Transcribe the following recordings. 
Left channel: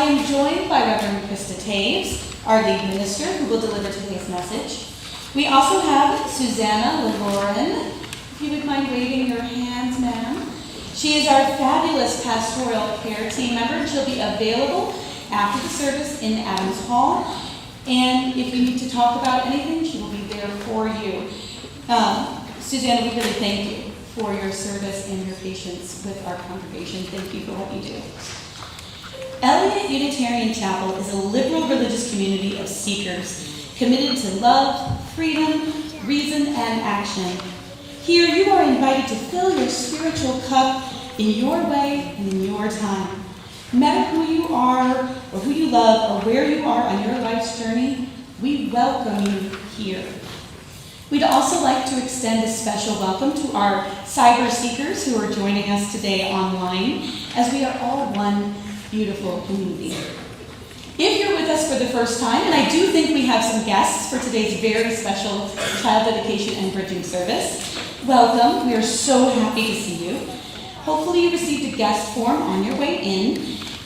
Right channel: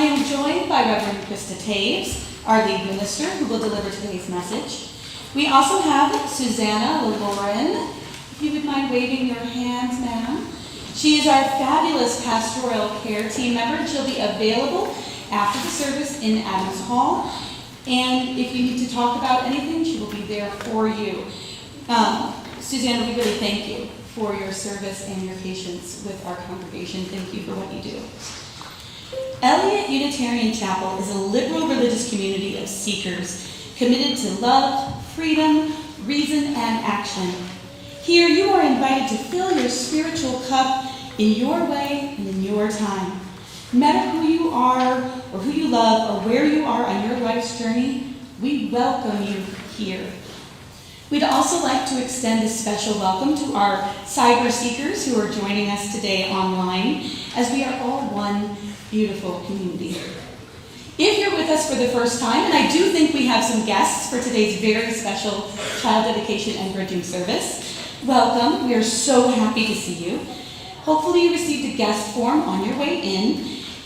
I am joined by Reverend Krista Taves, our lead minister, who will deliver today's message. We also have Susanna LaLauren. If you would mind waving your hands, ma'am. She is our fabulous pastoral care team member, and she'll be available after the service in Adams Hall. And if you need to talk about anything, she will be there for you. Susanna, we really thank you for your service and your patience with our congregation. Thank you for what you do. Eliot Unitarian Chapel is a liberal religious community of seekers committed to love, freedom, reason, and action. Here you are invited to fill your spiritual cup in your way and in your time. No matter who you are or who you love or where you are on your life's journey, we welcome you here. We'd also like to extend a special welcome to our cyber seekers who are joining us today online, as we are all one beautiful community. If you're with us for the first time, and I do think we have some guests for today's very special child dedication and bridging service, welcome. We are so happy to see you. Hopefully you received a guest form on your way in.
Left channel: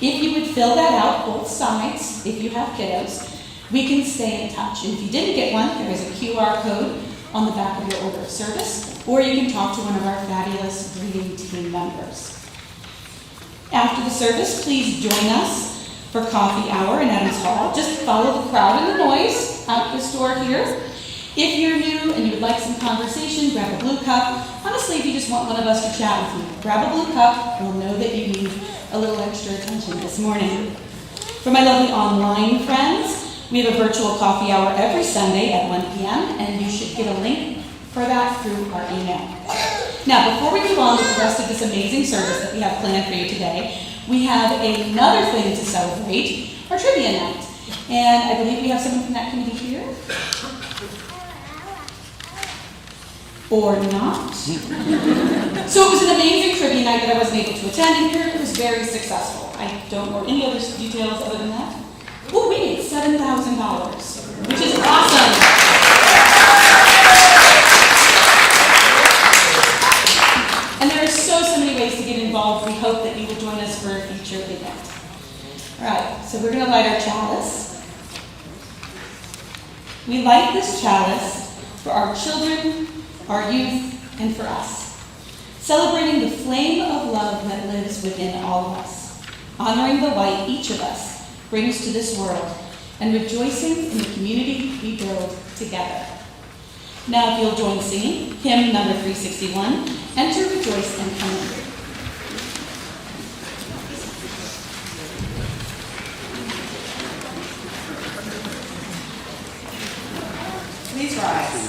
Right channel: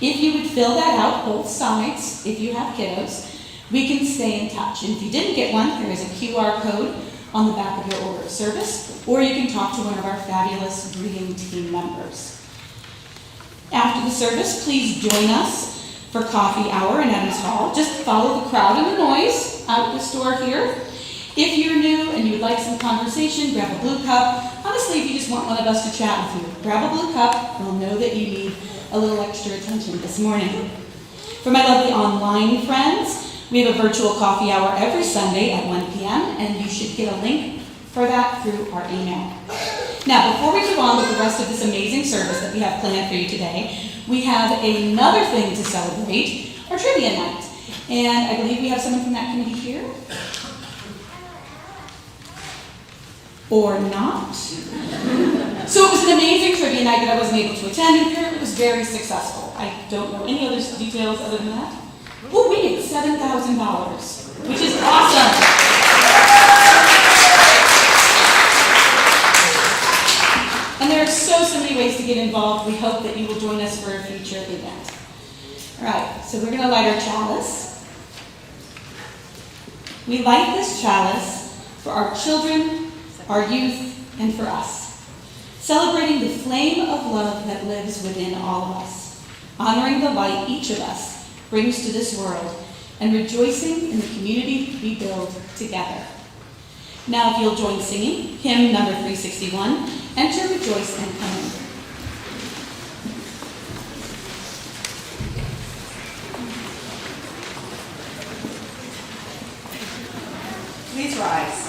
If you would fill that out, both sides, if you have kiddos, we can stay in touch. And if you didn't get one, there is a QR code on the back of your order of service, or you can talk to one of our fabulous greeting team members. After the service, please join us for coffee hour in Adams Hall. Just follow the crowd and the noise out this door here. If you're new and you would like some conversation, grab a blue cup. Honestly, if you just want one of us to chat with you, grab a blue cup. We'll know that you need a little extra attention this morning. For my lovely online friends, we have a virtual coffee hour every Sunday at 1 p.m., and you should get a link for that through our email. Now, before we move on with the rest of this amazing service that we have planned for you today, we have another thing to celebrate, our trivia night. And I believe we have someone from that committee here. Or not. So it was an amazing trivia night that I wasn't able to attend, and apparently it was very successful. I don't know any other details other than that. Well, we made $7,000, which is awesome. And there are so many ways to get involved. We hope that you will join us for a future event. All right, so we're going to light our chalice. We light this chalice for our children, our youth, and for us, celebrating the flame of love that lives within all of us, honoring the light each of us brings to this world, and rejoicing in the community we build together. Now, if you'll join singing hymn number 361, Enter, Rejoice, and Come In. Please rise.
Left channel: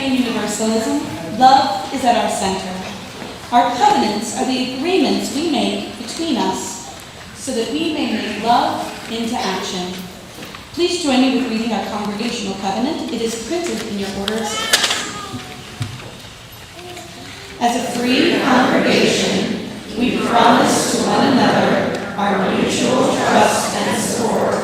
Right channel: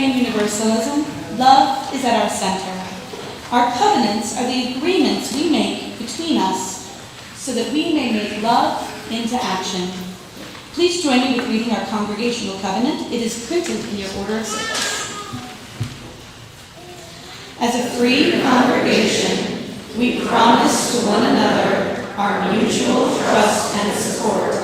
Unitarian Universalism, love is at our center. Our covenants are the agreements we make between us so that we may make love into action. Please join me with reading our congregational covenant. It is printed in your order of service. As a free congregation, we promise to one another our mutual trust and support.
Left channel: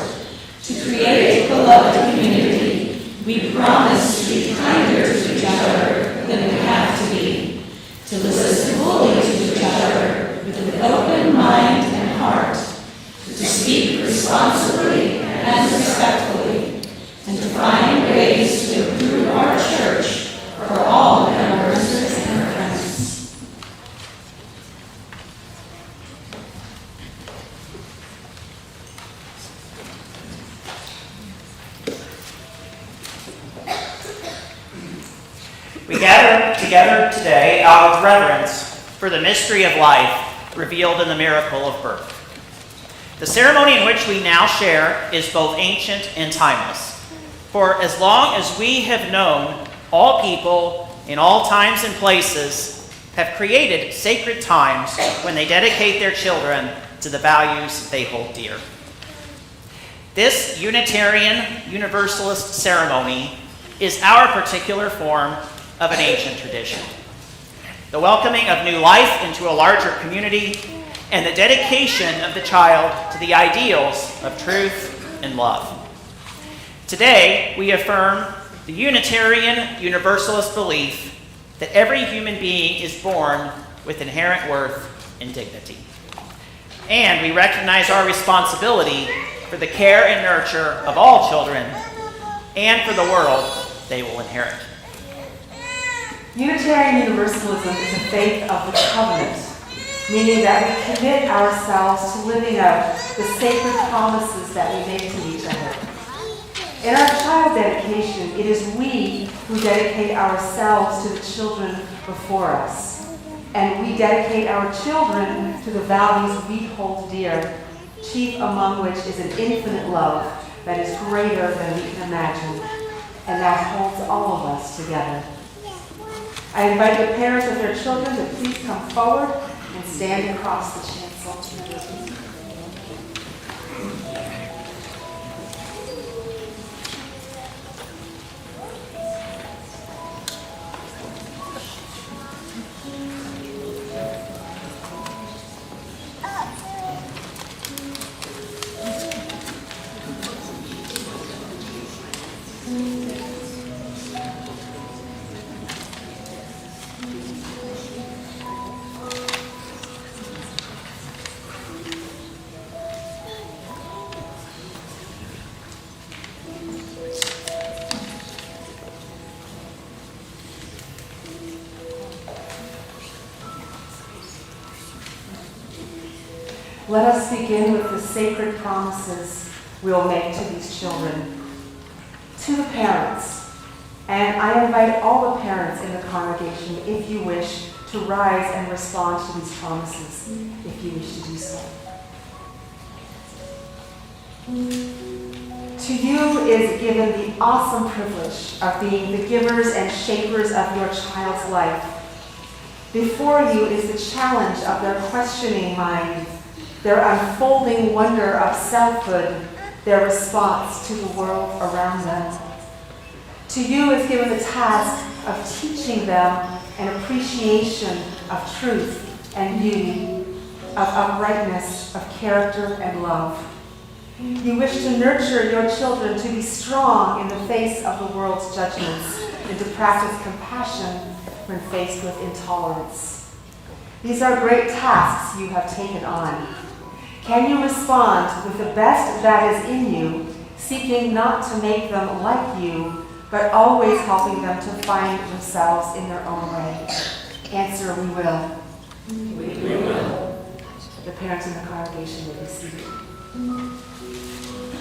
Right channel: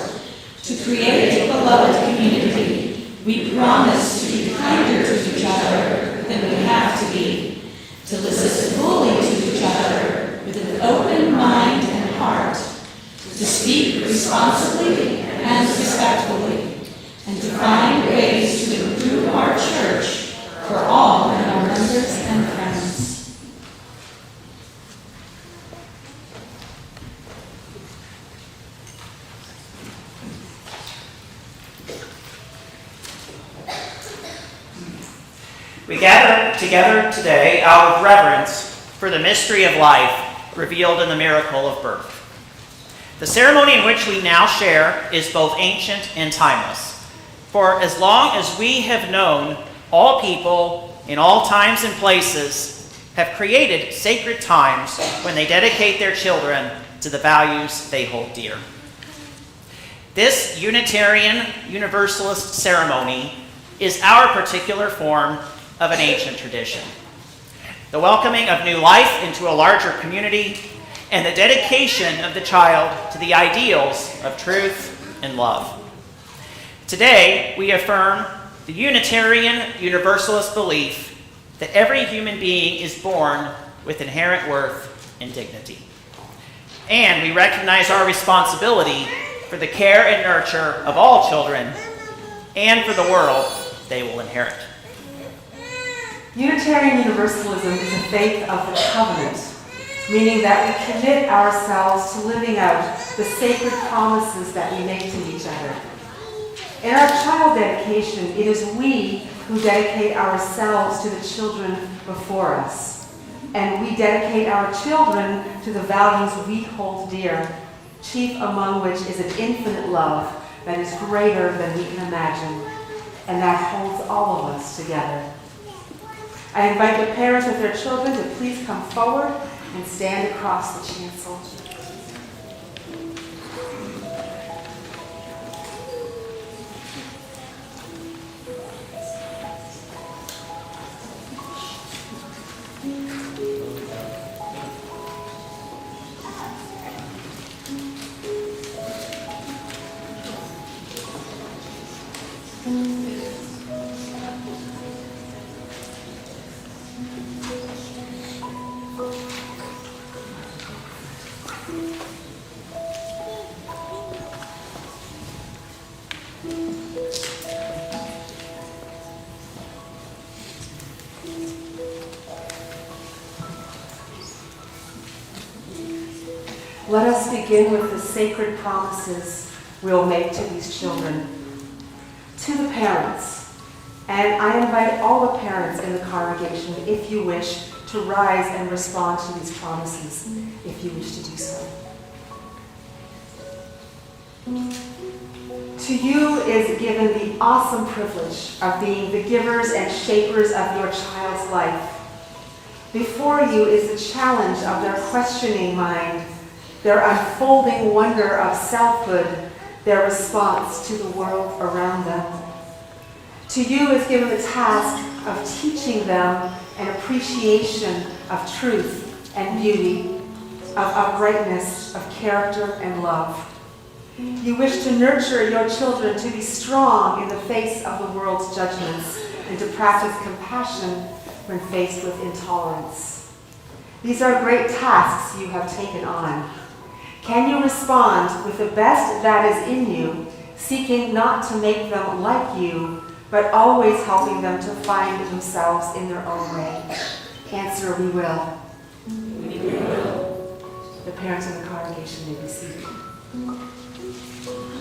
To create a beloved community, we promise to be kinder to each other than we have to be. To listen fully to each other with an open mind and heart. To speak responsibly and respectfully. And to find ways to improve our church for all of our members and friends. We gather together today out of reverence for the mystery of life revealed in the miracle of birth. The ceremony in which we now share is both ancient and timeless. For as long as we have known, all people in all times and places have created sacred times when they dedicate their children to the values they hold dear. This Unitarian Universalist ceremony is our particular form of an ancient tradition. The welcoming of new life into a larger community and the dedication of the child to the ideals of truth and love. Today, we affirm the Unitarian Universalist belief that every human being is born with inherent worth and dignity. And we recognize our responsibility for the care and nurture of all children and for the world they will inherit. Unitarian Universalism is a faith of the covenant, meaning that we commit ourselves to living out the sacred promises that we make to each other. In our child dedication, it is we who dedicate ourselves to the children before us. And we dedicate our children to the values we hold dear, chief among which is an infinite love that is greater than we can imagine, and that holds all of us together. I invite the parents with their children to please come forward and stand across the chancel. Let us begin with the sacred promises we'll make to these children. To the parents, and I invite all the parents in the congregation, if you wish, to rise and respond to these promises, if you wish to do so. To you is given the awesome privilege of being the givers and shapers of your child's life. Before you is the challenge of their questioning mind, their unfolding wonder of selfhood, their response to the world around them. To you is given the task of teaching them an appreciation of truth and beauty, of uprightness, of character and love. You wish to nurture your children to be strong in the face of the world's judgments and to practice compassion when faced with intolerance. These are great tasks you have taken on. Can you respond with the best that is in you, seeking not to make them like you, but always helping them to find themselves in their own way? Answer, we will. We will. The parents in the congregation may be seated.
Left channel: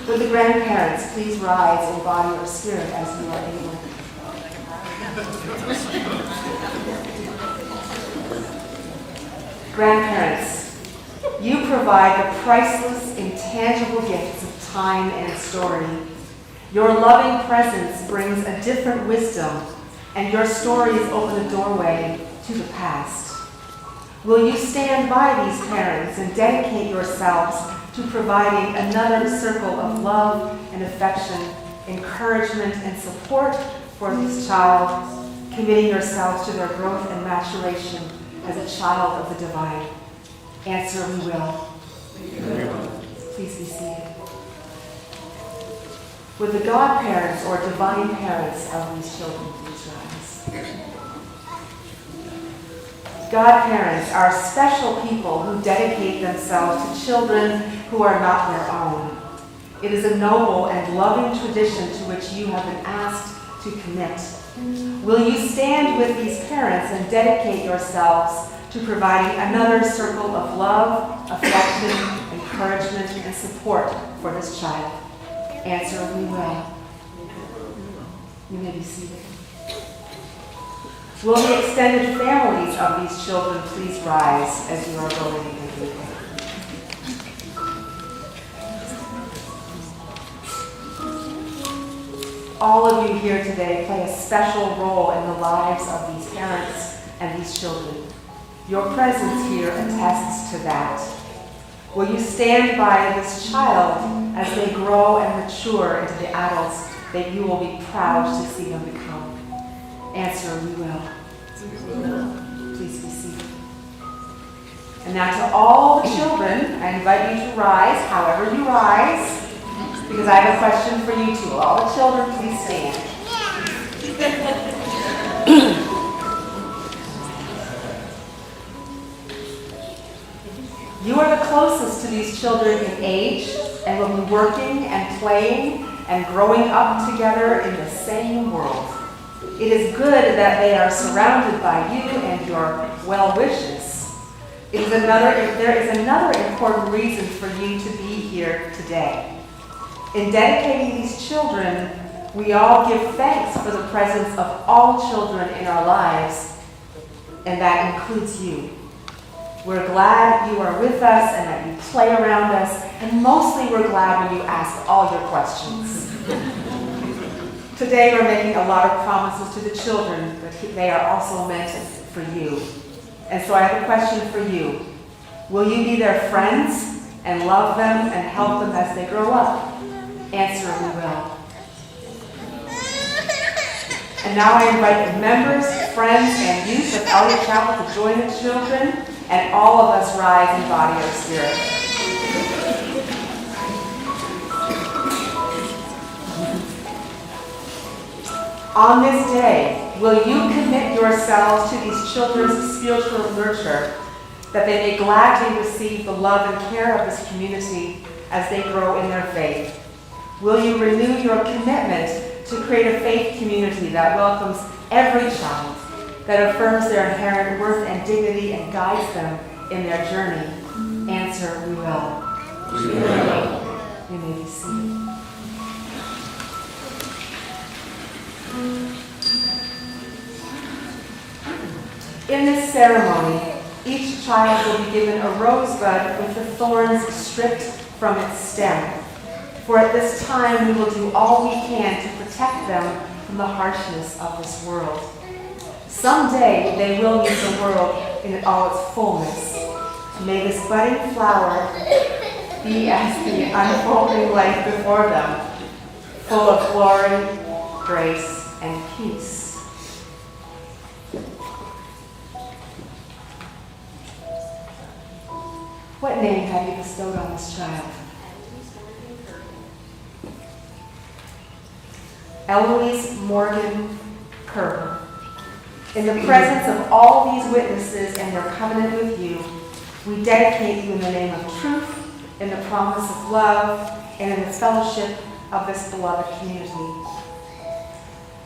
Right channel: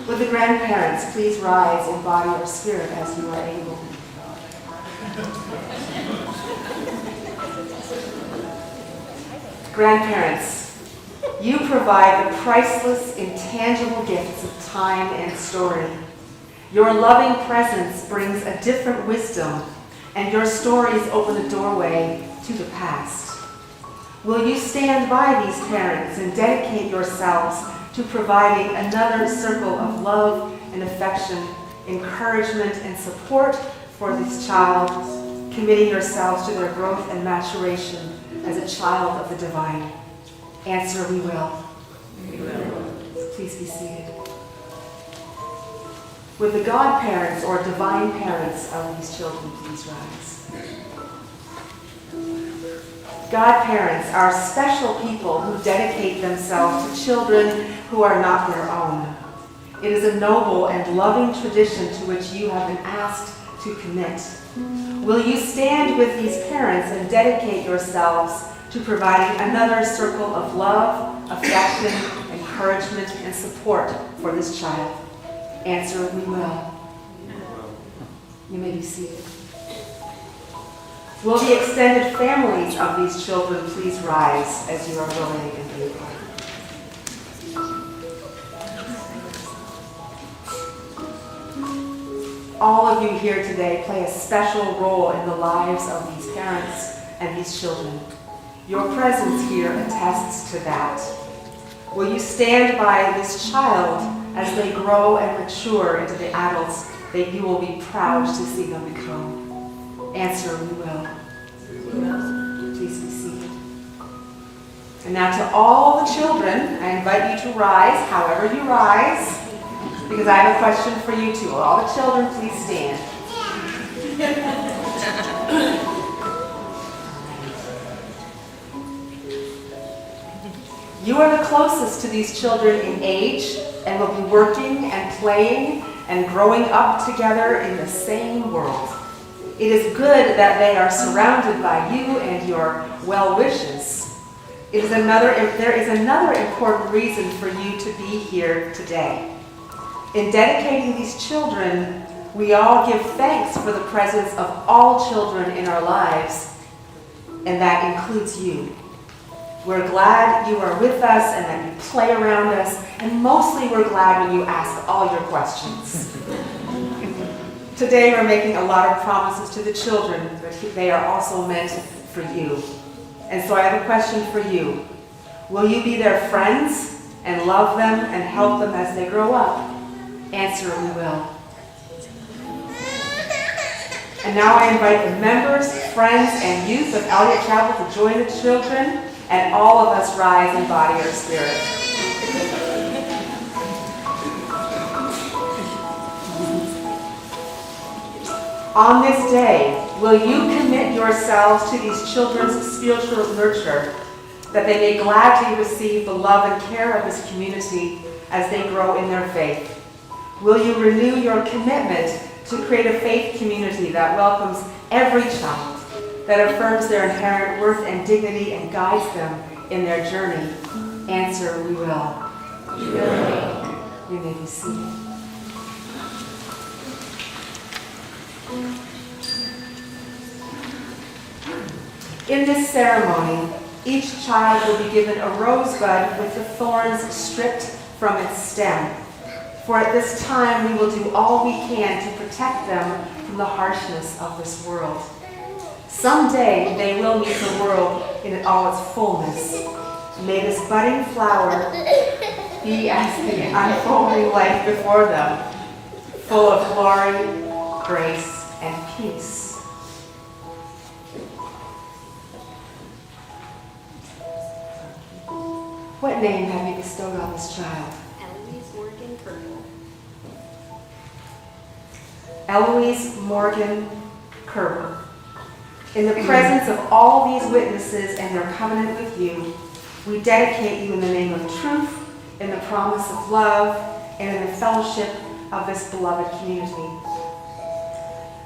Would the grandparents please rise in body or spirit as you are able? Grandparents, you provide the priceless, intangible gifts of time and story. Your loving presence brings a different wisdom and your stories open a doorway to the past. Will you stand by these parents and dedicate yourselves to providing another circle of love and affection, encouragement and support for this child, committing yourselves to their growth and maturation as a child of the divine? Answer, we will. Please be seated. Would the godparents or divine parents of these children please rise? Godparents are special people who dedicate themselves to children who are not their own. It is a noble and loving tradition to which you have been asked to commit. Will you stand with these parents and dedicate yourselves to providing another circle of love, affection, encouragement, and support for this child? Answer, we will. You may be seated. Will the extended families of these children please rise as you are willing and able? All of you here today play a special role in the lives of these parents and these children. Your presence here attests to that. Will you stand by this child as they grow and mature into the adults that you will be proud to see them become? Answer, we will. Please be seated. And now to all the children, I invite you to rise, however you rise, because I have a question for you too. Will all the children please stand? You are the closest to these children in age and will be working and playing and growing up together in the same world. It is good that they are surrounded by you and your well wishes. There is another important reason for you to be here today. In dedicating these children, we all give thanks for the presence of all children in our lives, and that includes you. We're glad you are with us and that you play around us, and mostly we're glad when you ask all your questions. Today we're making a lot of promises to the children, but they are also meant for you. And so I have a question for you. Will you be their friends and love them and help them as they grow up? Answer, we will. And now I invite the members, friends, and youth of Eliot Chapel to join the children, and all of us rise in body or spirit. On this day, will you commit yourselves to these children's spiritual nurture, that they may gladly receive the love and care of this community as they grow in their faith? Will you renew your commitment to create a faith community that welcomes every child, that affirms their inherent worth and dignity and guides them in their journey? Answer, we will. We will. You may be seated. In this ceremony, each child will be given a rosebud with the thorns stripped from its stem. For at this time, we will do all we can to protect them from the harshness of this world. Someday, they will meet the world in all its fullness. May this budding flower be as the unfolding life before them, full of glory, grace, and peace. What name have you bestowed on this child? Eloise Morgan Kirkwood. In the presence of all these witnesses and their covenant with you, we dedicate you in the name of truth, in the promise of love, and in the fellowship of this beloved community.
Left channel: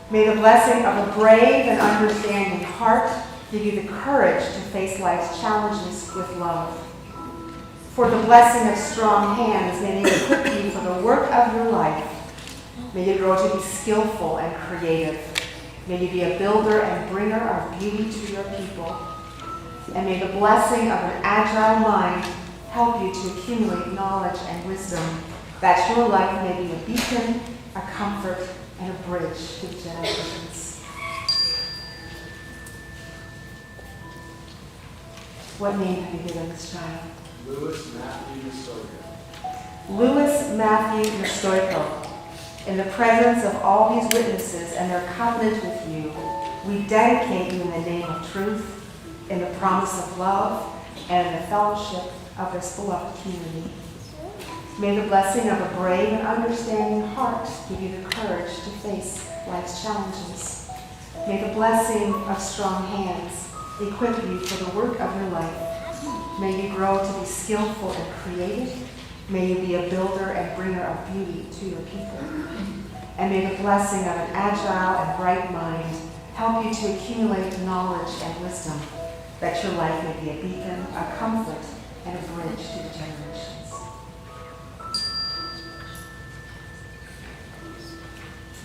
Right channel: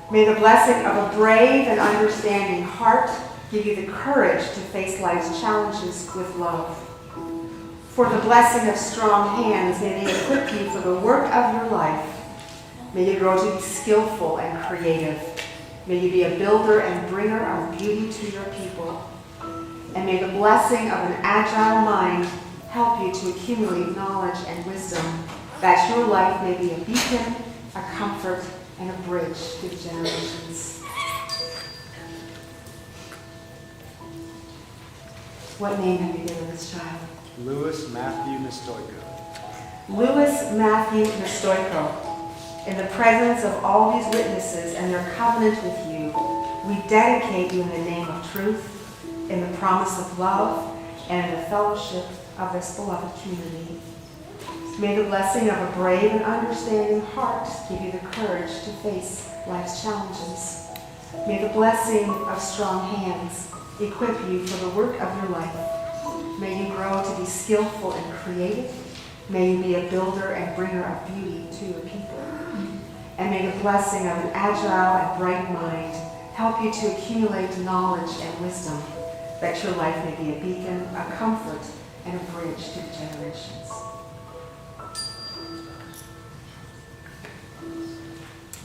May the blessing of a brave and understanding heart give you the courage to face life's challenges with love. For the blessing of strong hands, may they equip you for the work of your life. May you grow to be skillful and creative. May you be a builder and bringer of beauty to your people. And may the blessing of an agile mind help you to accumulate knowledge and wisdom, that your life may be a beacon, a comfort, and a bridge to the generations. What name have you given this child? Louis Matthew Nestoico. Louis Matthew Nestoico. In the presence of all these witnesses and their covenant with you, we dedicate you in the name of truth, in the promise of love, and in the fellowship of this beloved community. May the blessing of a brave and understanding heart give you the courage to face life's challenges. May the blessing of strong hands equip you for the work of your life. May you grow to be skillful and creative. May you be a builder and bringer of beauty to your people. And may the blessing of an agile and bright mind help you to accumulate knowledge and wisdom, that your life may be a beacon, a comfort, and a bridge to the generations.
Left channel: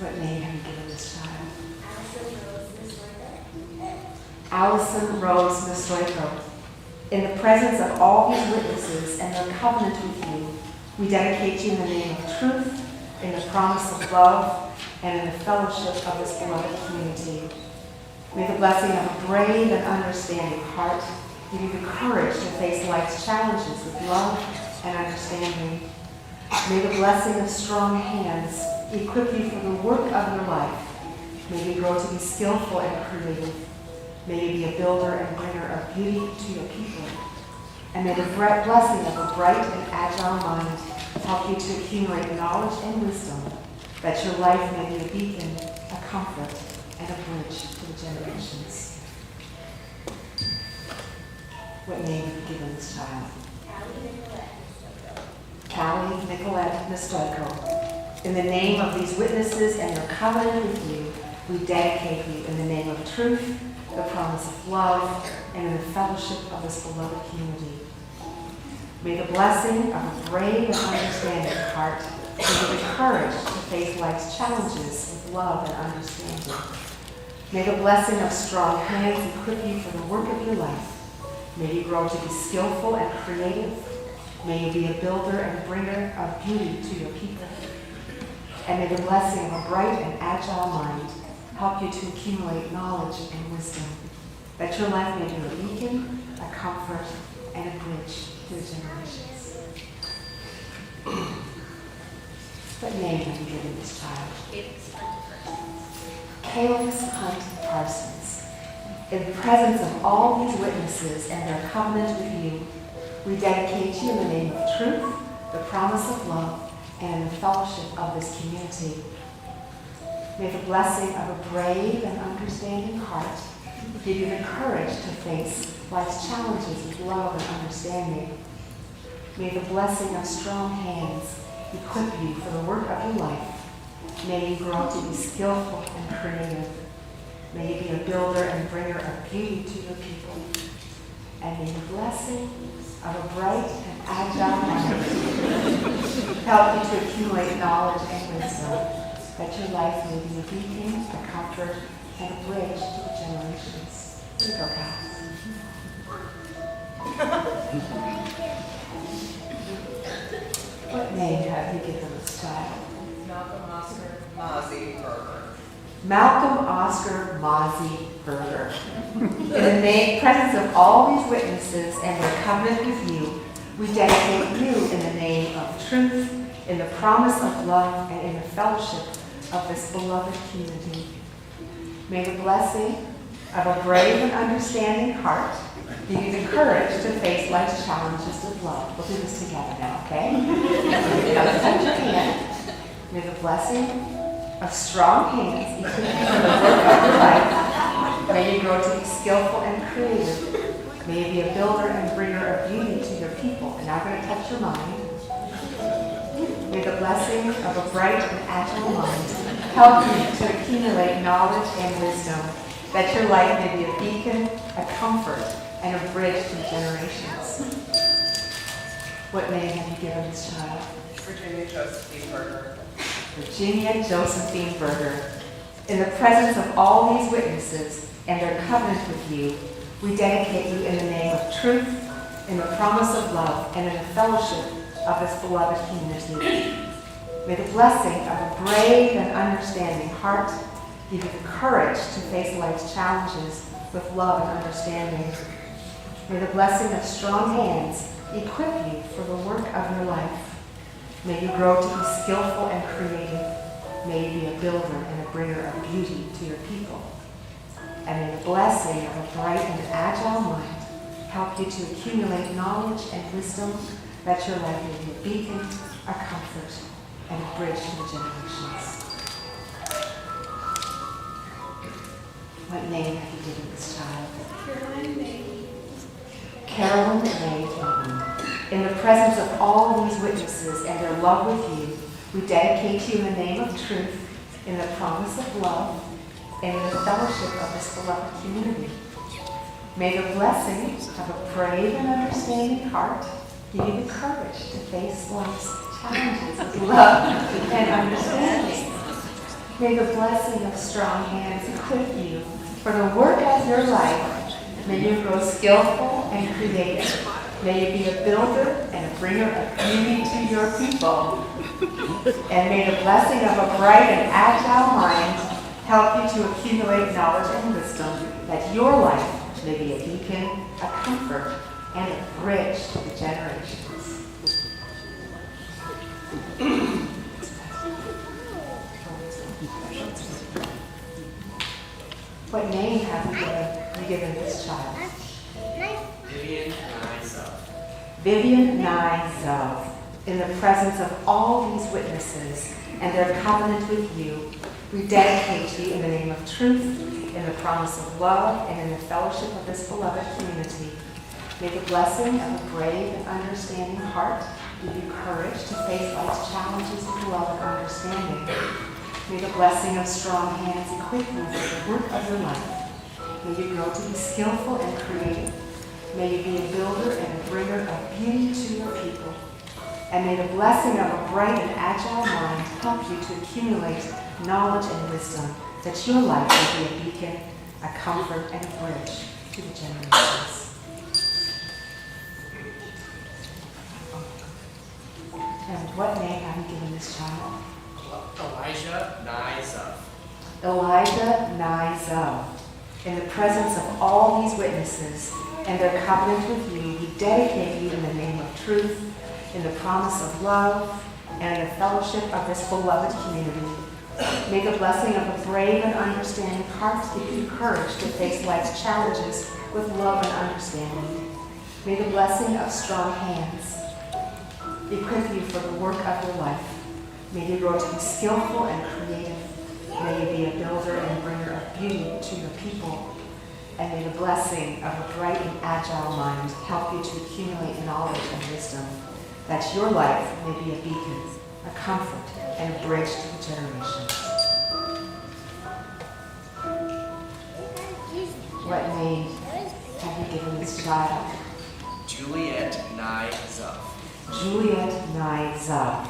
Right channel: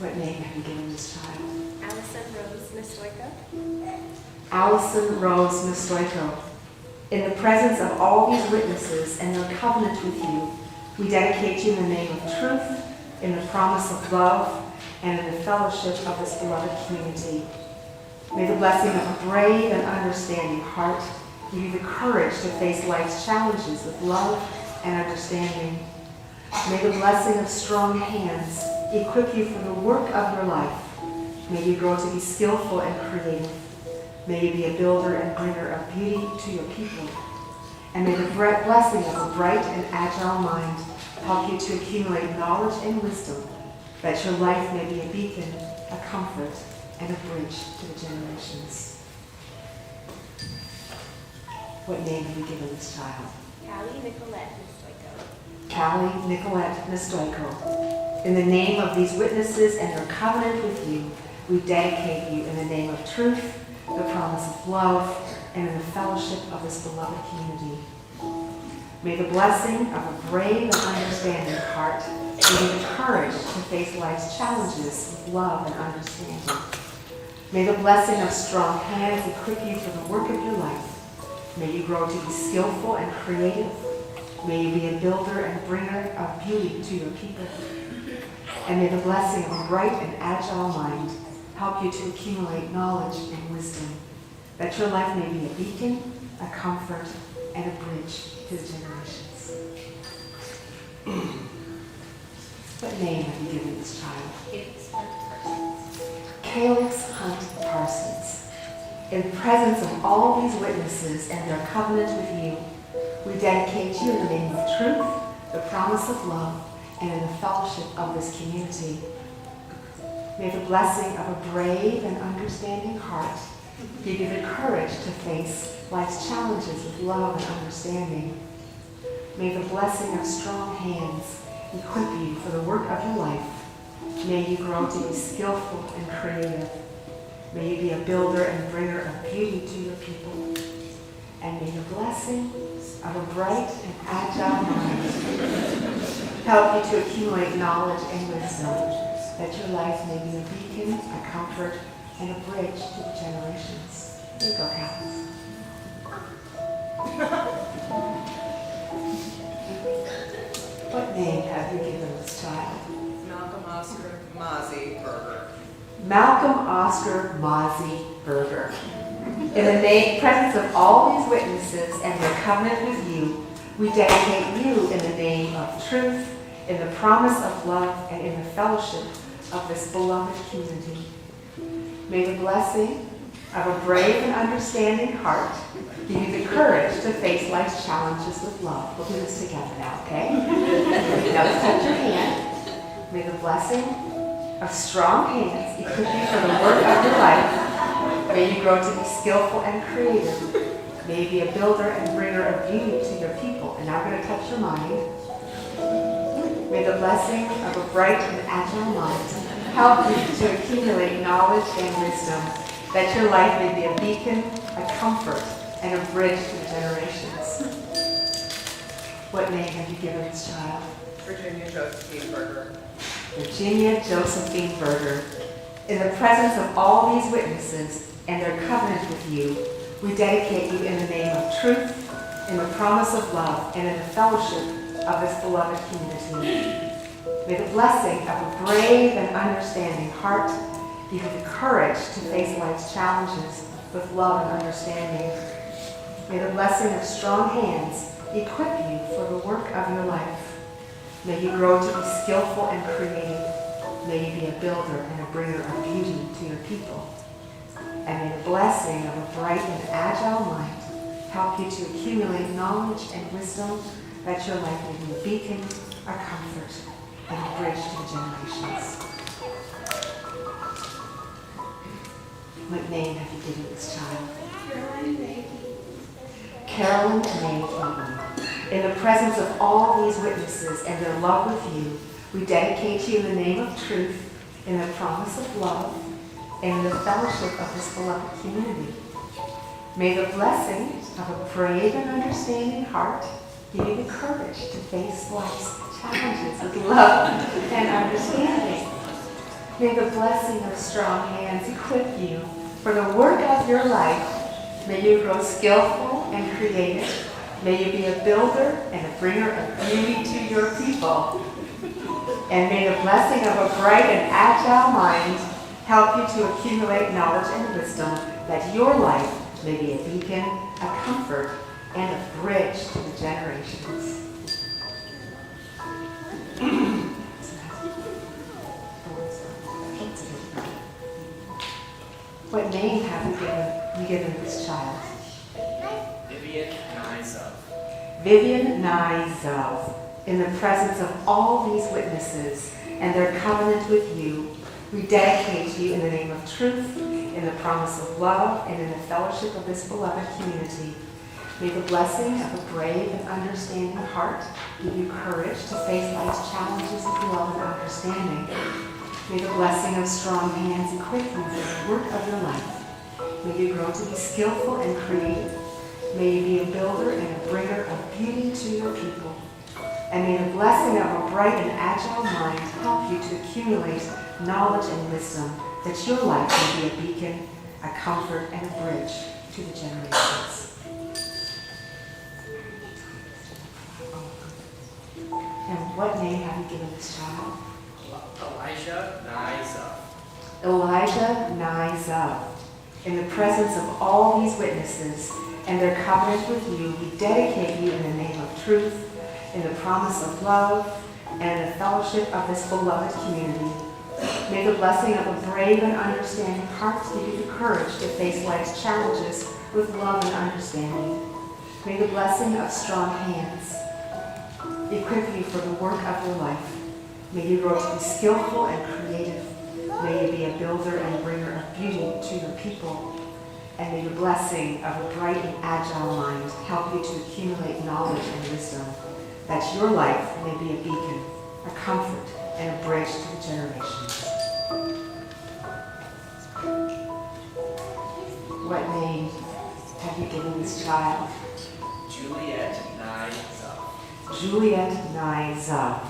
What name have you given this child? Allison Rose Nestoico. Allison Rose Nestoico. In the presence of all these witnesses and their covenant with you, we dedicate you in the name of truth, in the promise of love, and in the fellowship of this beloved community. May the blessing of a brave and understanding heart give you the courage to face life's challenges with love and understanding. May the blessing of strong hands equip you for the work of your life. May you grow to be skillful and creative. May you be a builder and bringer of beauty to your people. And may the blessing of a bright and agile mind help you to accumulate knowledge and wisdom, that your life may be a beacon, a comfort, and a bridge to the generations. What name have you given this child? Callie Nicolette Nestoico. Callie Nicolette Nestoico. In the name of these witnesses and their covenant with you, we dedicate you in the name of truth, the promise of love, and in the fellowship of this beloved community. May the blessing of a brave and understanding heart give you the courage to face life's challenges with love and understanding. May the blessing of strong hands equip you for the work of your life. May you grow to be skillful and creative. May you be a builder and bringer of beauty to your people. And may the blessing of a bright and agile mind help you to accumulate knowledge and wisdom, that your life may be a beacon, a comfort, and a bridge to the generations. What name have you given this child? Calyx Hunt Parsons. In the presence of all these witnesses and their covenant with you, we dedicate you in the name of truth, the promise of love, and in the fellowship of this community. May the blessing of a brave and understanding heart give you the courage to face life's challenges with love and understanding. May the blessing of strong hands equip you for the work of your life. May you grow to be skillful and creative. May you be a builder and bringer of beauty to your people. And may the blessing of a bright and agile mind help you to accumulate knowledge and wisdom, that your life may be a beacon, a comfort, and a bridge to the generations. Here you go, Cal. What name have you given this child? Malcolm Oscar Mozzie Berger. Malcolm Oscar Mozzie Berger. In the presence of all these witnesses and their covenant with you, we dedicate you in the name of truth, in the promise of love, and in the fellowship of this beloved community. May the blessing of a brave and understanding heart give you the courage to face life's challenges with love. We'll do this together now, okay? Now let's touch your hand. May the blessing of strong hands equip you for the work of your life. May you grow to be skillful and creative. May you be a builder and bringer of beauty to your people. And now we're going to touch your mind. May the blessing of a bright and agile mind help you to accumulate knowledge and wisdom, that your life may be a beacon, a comfort, and a bridge to the generations. What name have you given this child? Virginia Josephine Berger. Virginia Josephine Berger. In the presence of all these witnesses and their covenant with you, we dedicate you in the name of truth, in the promise of love, and in the fellowship of this beloved community. May the blessing of a brave and understanding heart give you the courage to face life's challenges with love and understanding. May the blessing of strong hands equip you for the work of your life. May you grow to be skillful and creative. May you be a builder and a bringer of beauty to your people. And may the blessing of a bright and agile mind help you to accumulate knowledge and wisdom, that your life may be a beacon, a comfort, and a bridge to the generations. What name have you given this child? Carolyn May Eaton. In the presence of all these witnesses and their love with you, we dedicate you in the name of truth, in the promise of love, and in the fellowship of this beloved community. May the blessing of a brave and understanding heart give you the courage to face life's challenges with love and understanding. May the blessing of strong hands equip you for the work of your life. May you grow skillful and creative. May you be a builder and a bringer of beauty to your people. And may the blessing of a bright and agile mind help you to accumulate knowledge and wisdom, that your life may be a beacon, a comfort, and a bridge to the generations. What name have you given this child? Vivian Nizov. Vivian Nizov. In the presence of all these witnesses and their covenant with you, we dedicate you in the name of truth, in the promise of love, and in the fellowship of this beloved community. May the blessing of a brave and understanding heart give you courage to face life's challenges with love and understanding. May the blessing of strong hands equip you for the work of your life. May you grow to be skillful and creative. May you be a builder and a bringer of beauty to your people. And may the blessing of a bright and agile mind help you to accumulate knowledge and wisdom, that your life may be a beacon, a comfort, and a bridge to the generations. And what name have you given this child? Elijah Nizov. Elijah Nizov. In the presence of all these witnesses and their covenant with you, we dedicate you in the name of truth, in the promise of love, and in the fellowship of this beloved community. May the blessing of a brave and understanding heart give you the courage to face life's challenges with love and understanding. May the blessing of strong hands equip you for the work of your life. May you grow to be skillful and creative. May you be a builder and a bringer of beauty to your people. And may the blessing of a bright and agile mind help you to accumulate knowledge and wisdom, that your life may be a beacon, a comfort, and a bridge to the generations. What name have you given this child? Juliet Nizov. Juliet Nizov.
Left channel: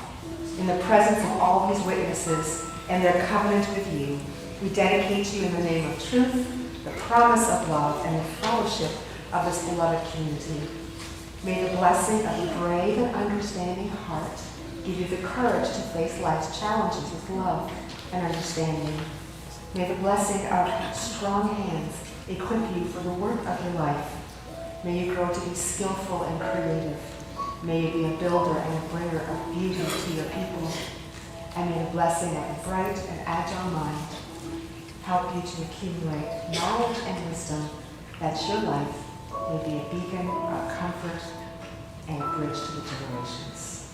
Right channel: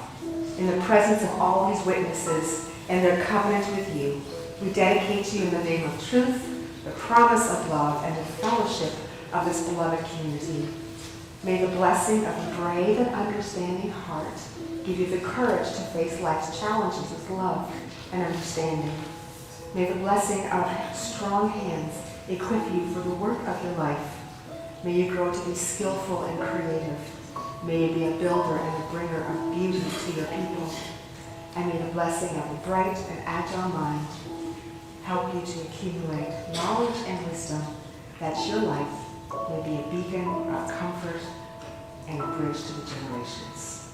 In the presence of all these witnesses and their covenant with you, we dedicate you in the name of truth, the promise of love, and the fellowship of this beloved community. May the blessing of a brave and understanding heart give you the courage to face life's challenges with love and understanding. May the blessing of strong hands equip you for the work of your life. May you grow to be skillful and creative. May you be a builder and a bringer of beauty to your people. And may the blessing of a bright and agile mind help you to accumulate knowledge and wisdom, that your life may be a beacon of comfort and a bridge to the generations.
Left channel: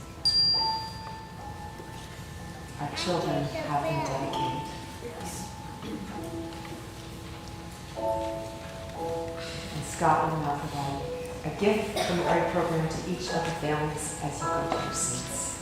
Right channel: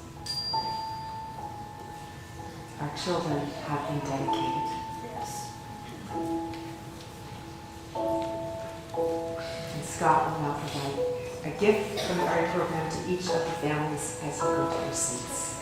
Our children have been dedicated. And Scott will now provide a gift from the art program to each of the families as you go to your seats.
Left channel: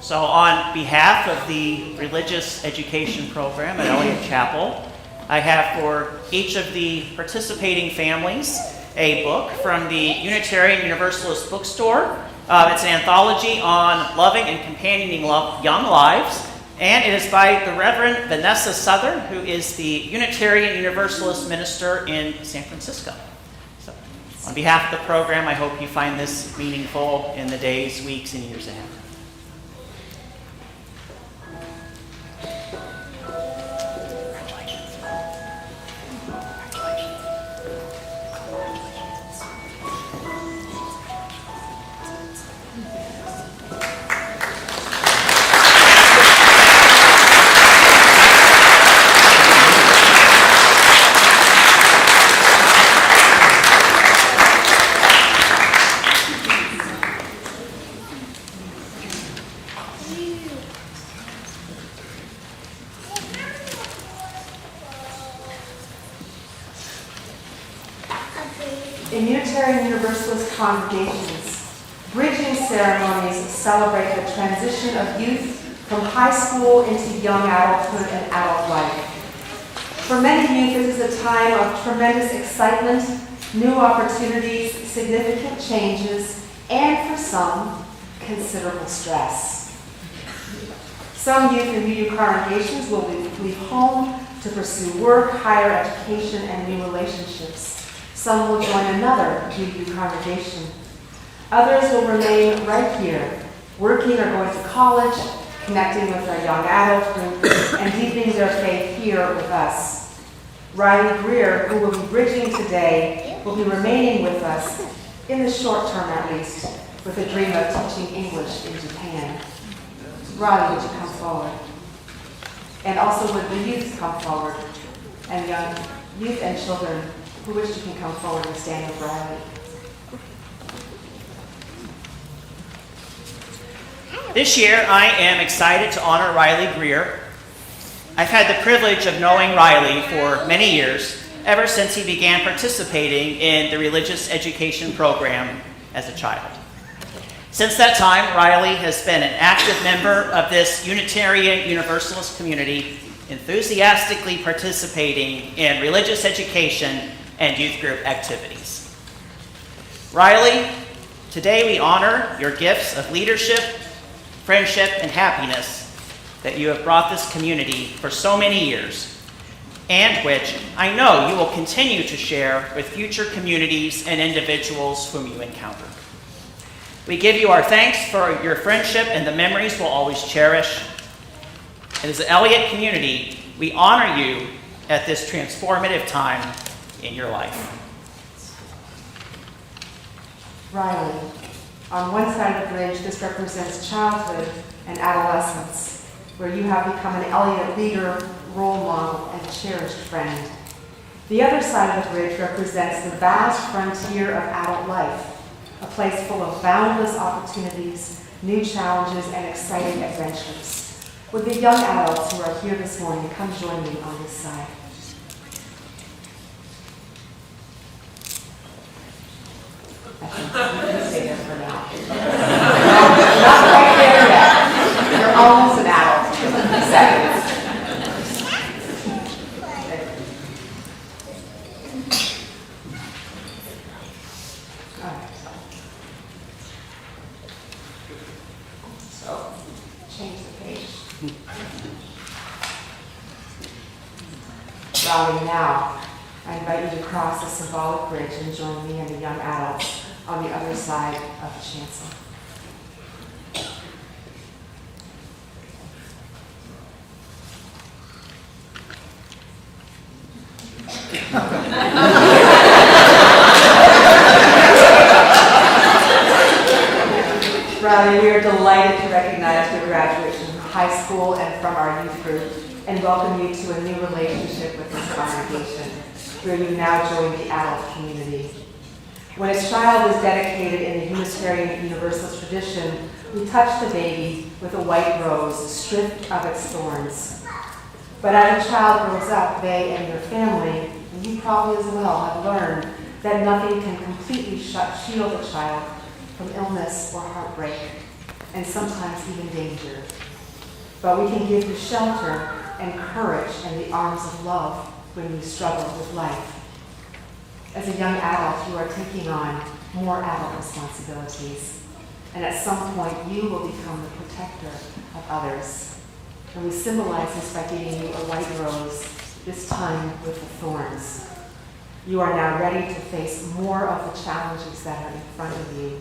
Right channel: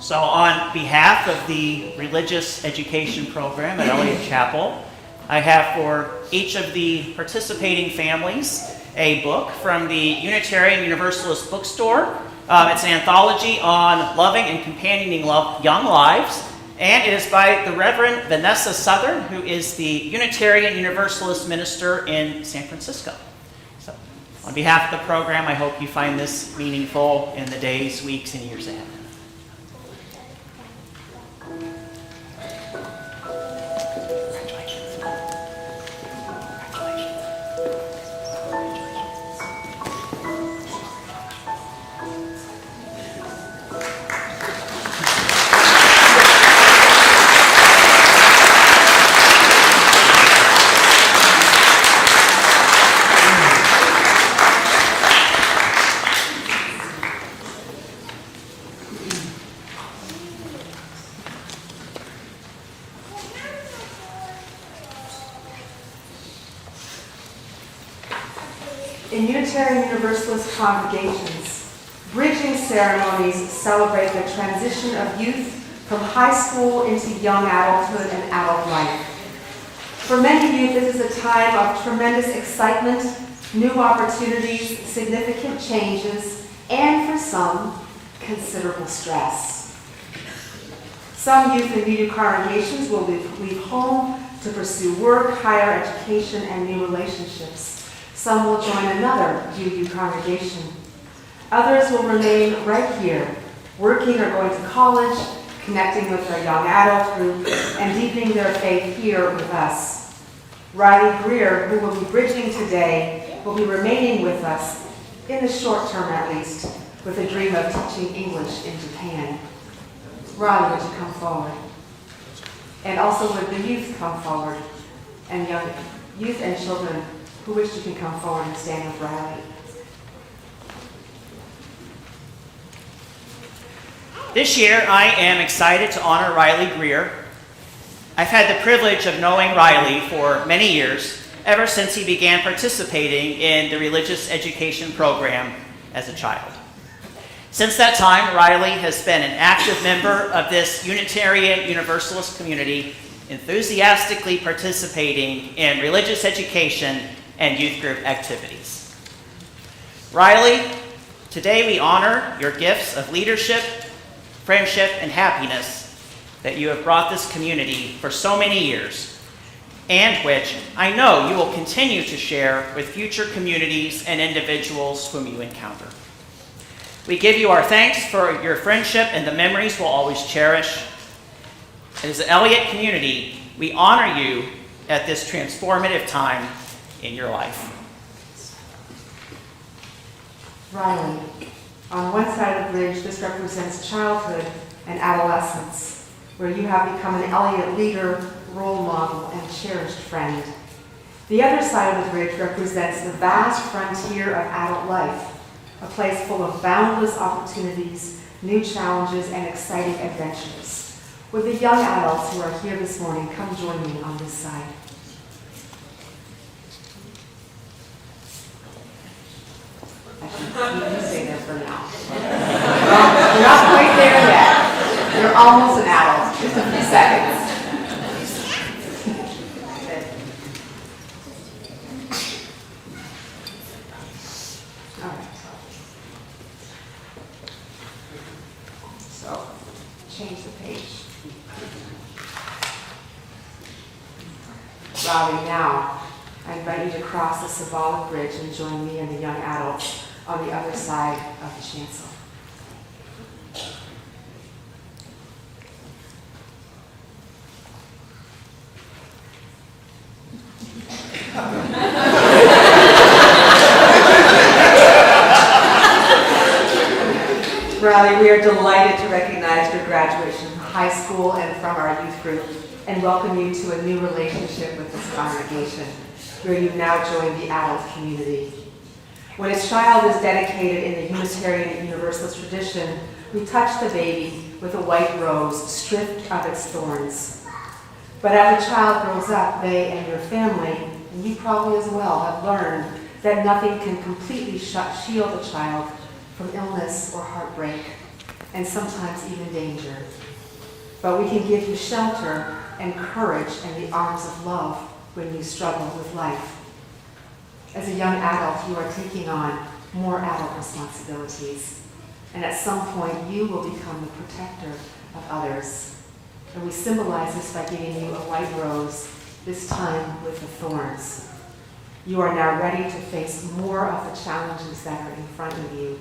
So on behalf of the religious education program at Eliot Chapel, I have for each of the participating families a book from the Unitarian Universalist bookstore. It's an anthology on loving and companioning young lives, and it is by the Reverend Vanessa Southern, who is the Unitarian Universalist minister in San Francisco. So, on behalf of the program, I hope you find this meaningful in the days, weeks, and years ahead. In Unitarian Universalist congregations, bridging ceremonies celebrate the transition of youth from high school into young adulthood and adult life. For many youth, this is a time of tremendous excitement, new opportunities, significant changes, and for some, considerable stress. Some youth in UU congregations will leave home to pursue work, higher education, and new relationships. Some will join another UU congregation. Others will remain right here, working or going to college, connecting with our young adult group, and deepening their faith here with us. Riley Greer, who will be bridging today, will be remaining with us, in the short term at least, with a dream of teaching English in Japan. Riley, would you come forward? And also would the youth come forward, and young youth and children who wish to can come forward and stand with Riley. This year, I am excited to honor Riley Greer. I've had the privilege of knowing Riley for many years, ever since he began participating in the religious education program as a child. Since that time, Riley has been an active member of this Unitarian Universalist community, enthusiastically participating in religious education and youth group activities. Riley, today we honor your gifts of leadership, friendship, and happiness that you have brought this community for so many years, and which I know you will continue to share with future communities and individuals whom you encounter. We give you our thanks for your friendship and the memories we'll always cherish. And as an Eliot community, we honor you at this transformative time in your life. Riley, on one side of the bridge, this represents childhood and adolescence, where you have become an Eliot leader, role model, and cherished friend. The other side of the bridge represents the vast frontier of adult life, a place full of boundless opportunities, new challenges, and exciting adventures. Would the young adults who are here this morning come join me on this side? Actually, you can stay there for now. No, you're not quite there yet. You're almost an adult. Just a few seconds. All right. So, change the page. Riley, now, I invite you to cross the symbolic bridge and join me and the young adults on the other side of the chancel. Riley, we are delighted to recognize your graduation from high school and from our youth group, and welcome you to a new relationship with this congregation, where you now join the adult community. When a child is dedicated in the Unitarian Universalist tradition, we touch the baby with a white rose stripped of its thorns. But as a child grows up, they and your family, and you probably as well, have learned that nothing can completely shield a child from illness or heartbreak, and sometimes even danger. But we can give you shelter and courage and the arms of love when you struggle with life. As a young adult, you are taking on more adult responsibilities, and at some point you will become the protector of others. And we symbolize this by giving you a white rose, this time with the thorns. You are now ready to face more of the challenges that are in front of you.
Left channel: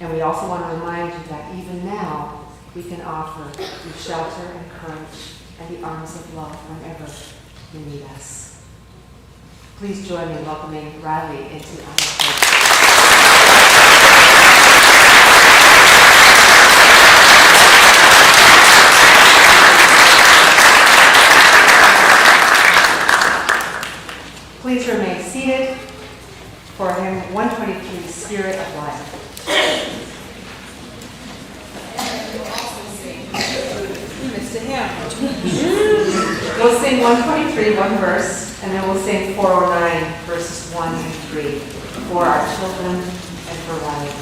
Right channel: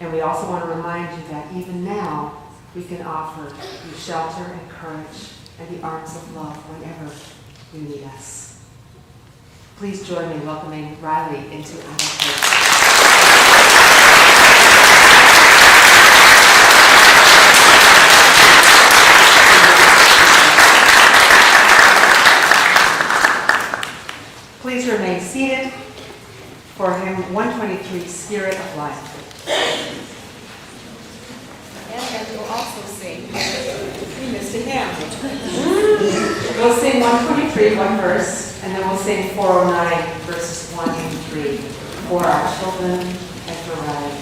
And we also want to remind you that even now, we can offer you shelter and courage and the arms of love whenever you need us. Please join me in welcoming Riley into adulthood. Please remain seated for hymn 123, Spirit of Life. And I will also sing. You missed a hymn. We'll sing 123, one verse, and then we'll sing 409, verses 1 and 3. for our children, and for Riley.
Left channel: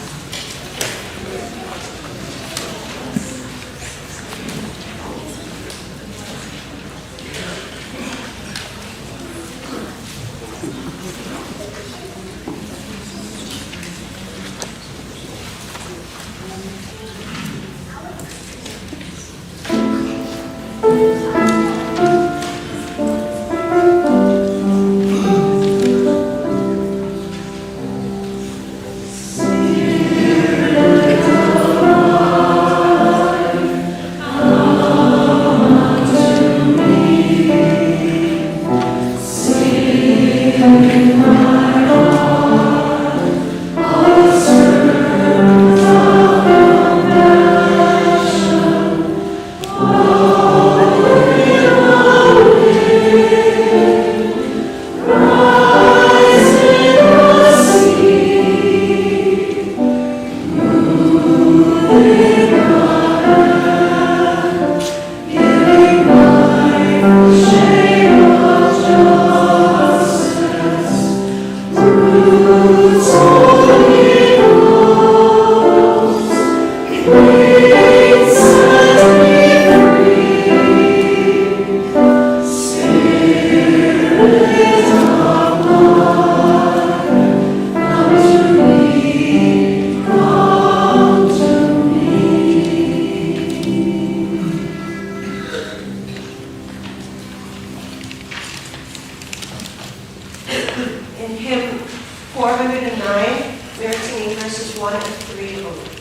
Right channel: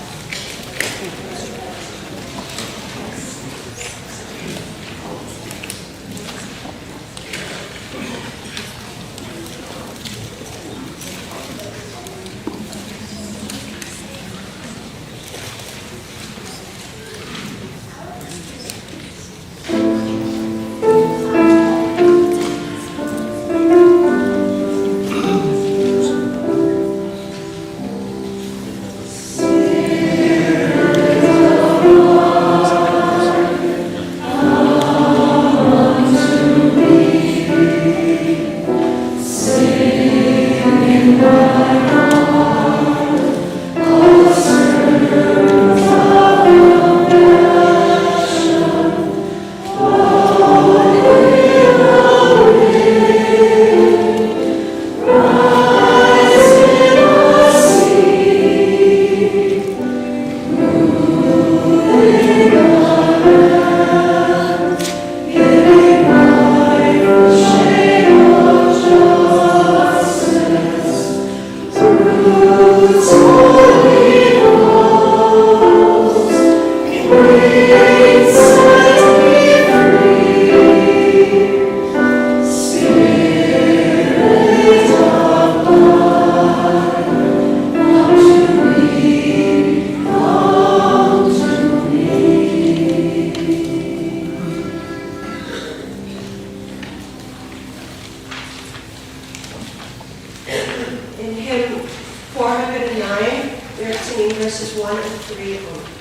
verses 1 and 3 only.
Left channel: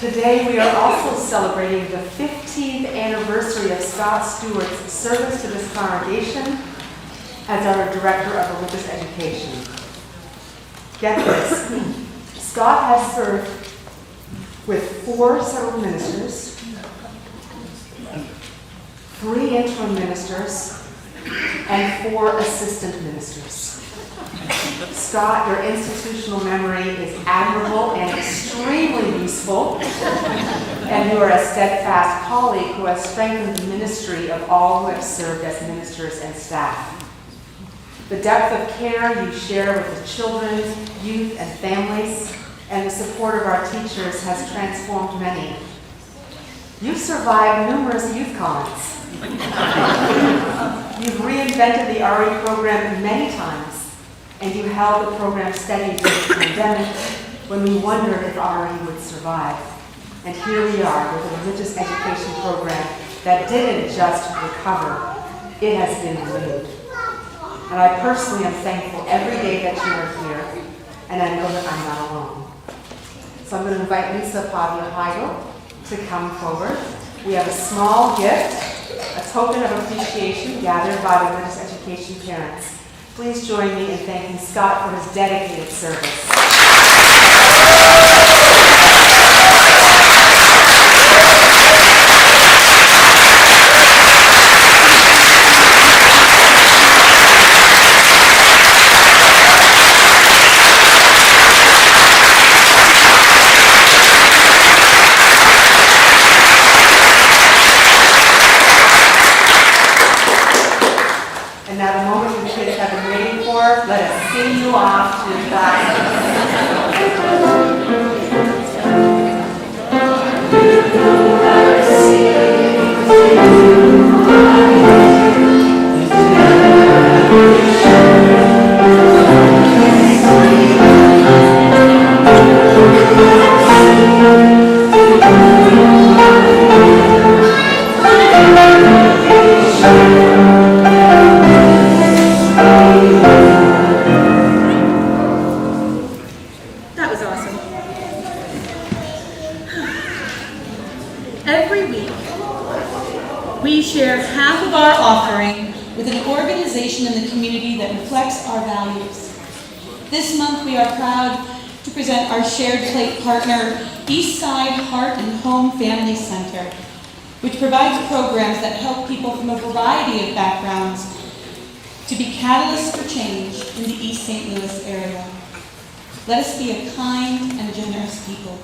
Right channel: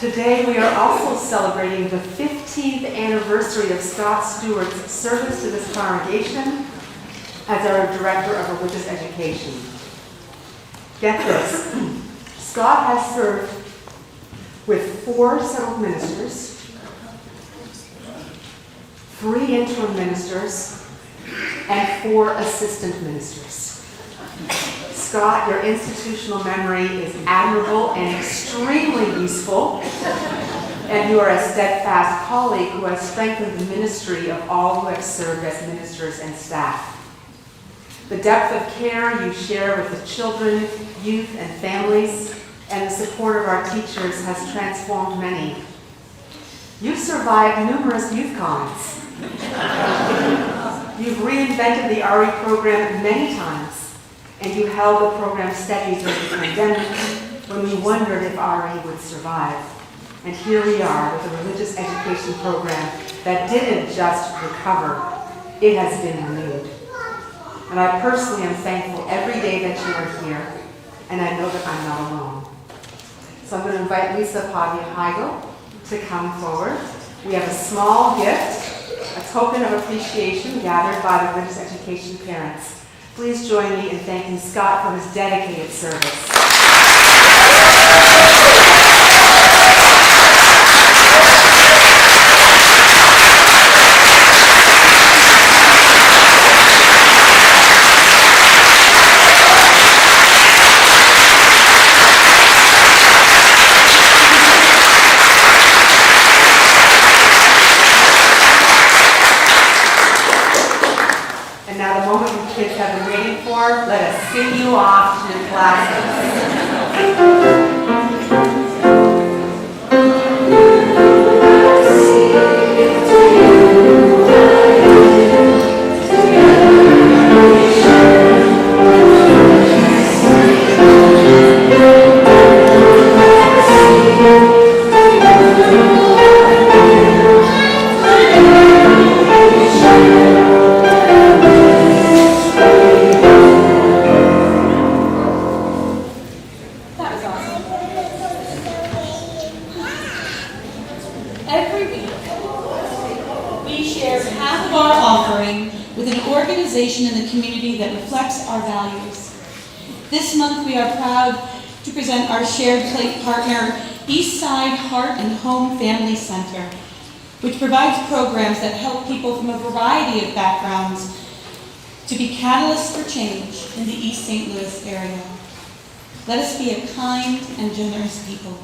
Today we are also celebrating the 15th anniversary of Scott Stewart's service to this congregation as our Director of Religious Education. Get this, Scott has served with 4 settled ministers, 3 interim ministers, and 4 assistant ministers. Scott, your institutional memory is admirable and extremely useful, and you are a steadfast colleague who has strengthened the ministry of all who have served as ministers and staff. The depth of care you share with the children, youth, and families, and the support of our teachers has transformed many. You've survived numerous youth cons. You've reinvented the RE program many times, and you held the program steady during the pandemic when we wondered if RE would survive. And here we are with a religious education program that didn't just recover, it has been renewed. And I personally am thankful every day that you are here, and I know that I'm not alone. So I'm going to invite Lisa Pavia Heigl to come forward. We have a small gift, a token of appreciation gathered by the religious education parents. Please join me in thanking Scott for his dedicated service. And now the moment you kids have been waiting for, let us sing you off to your classes. That was awesome. Every week, we share half of our offering with an organization in the community that reflects our values. This month, we are proud to present our shared plate partner, Eastside Heart and Home Family Center, which provides programs that help people from a variety of backgrounds to be catalysts for change in the East St. Louis area. Let us be a kind and generous people.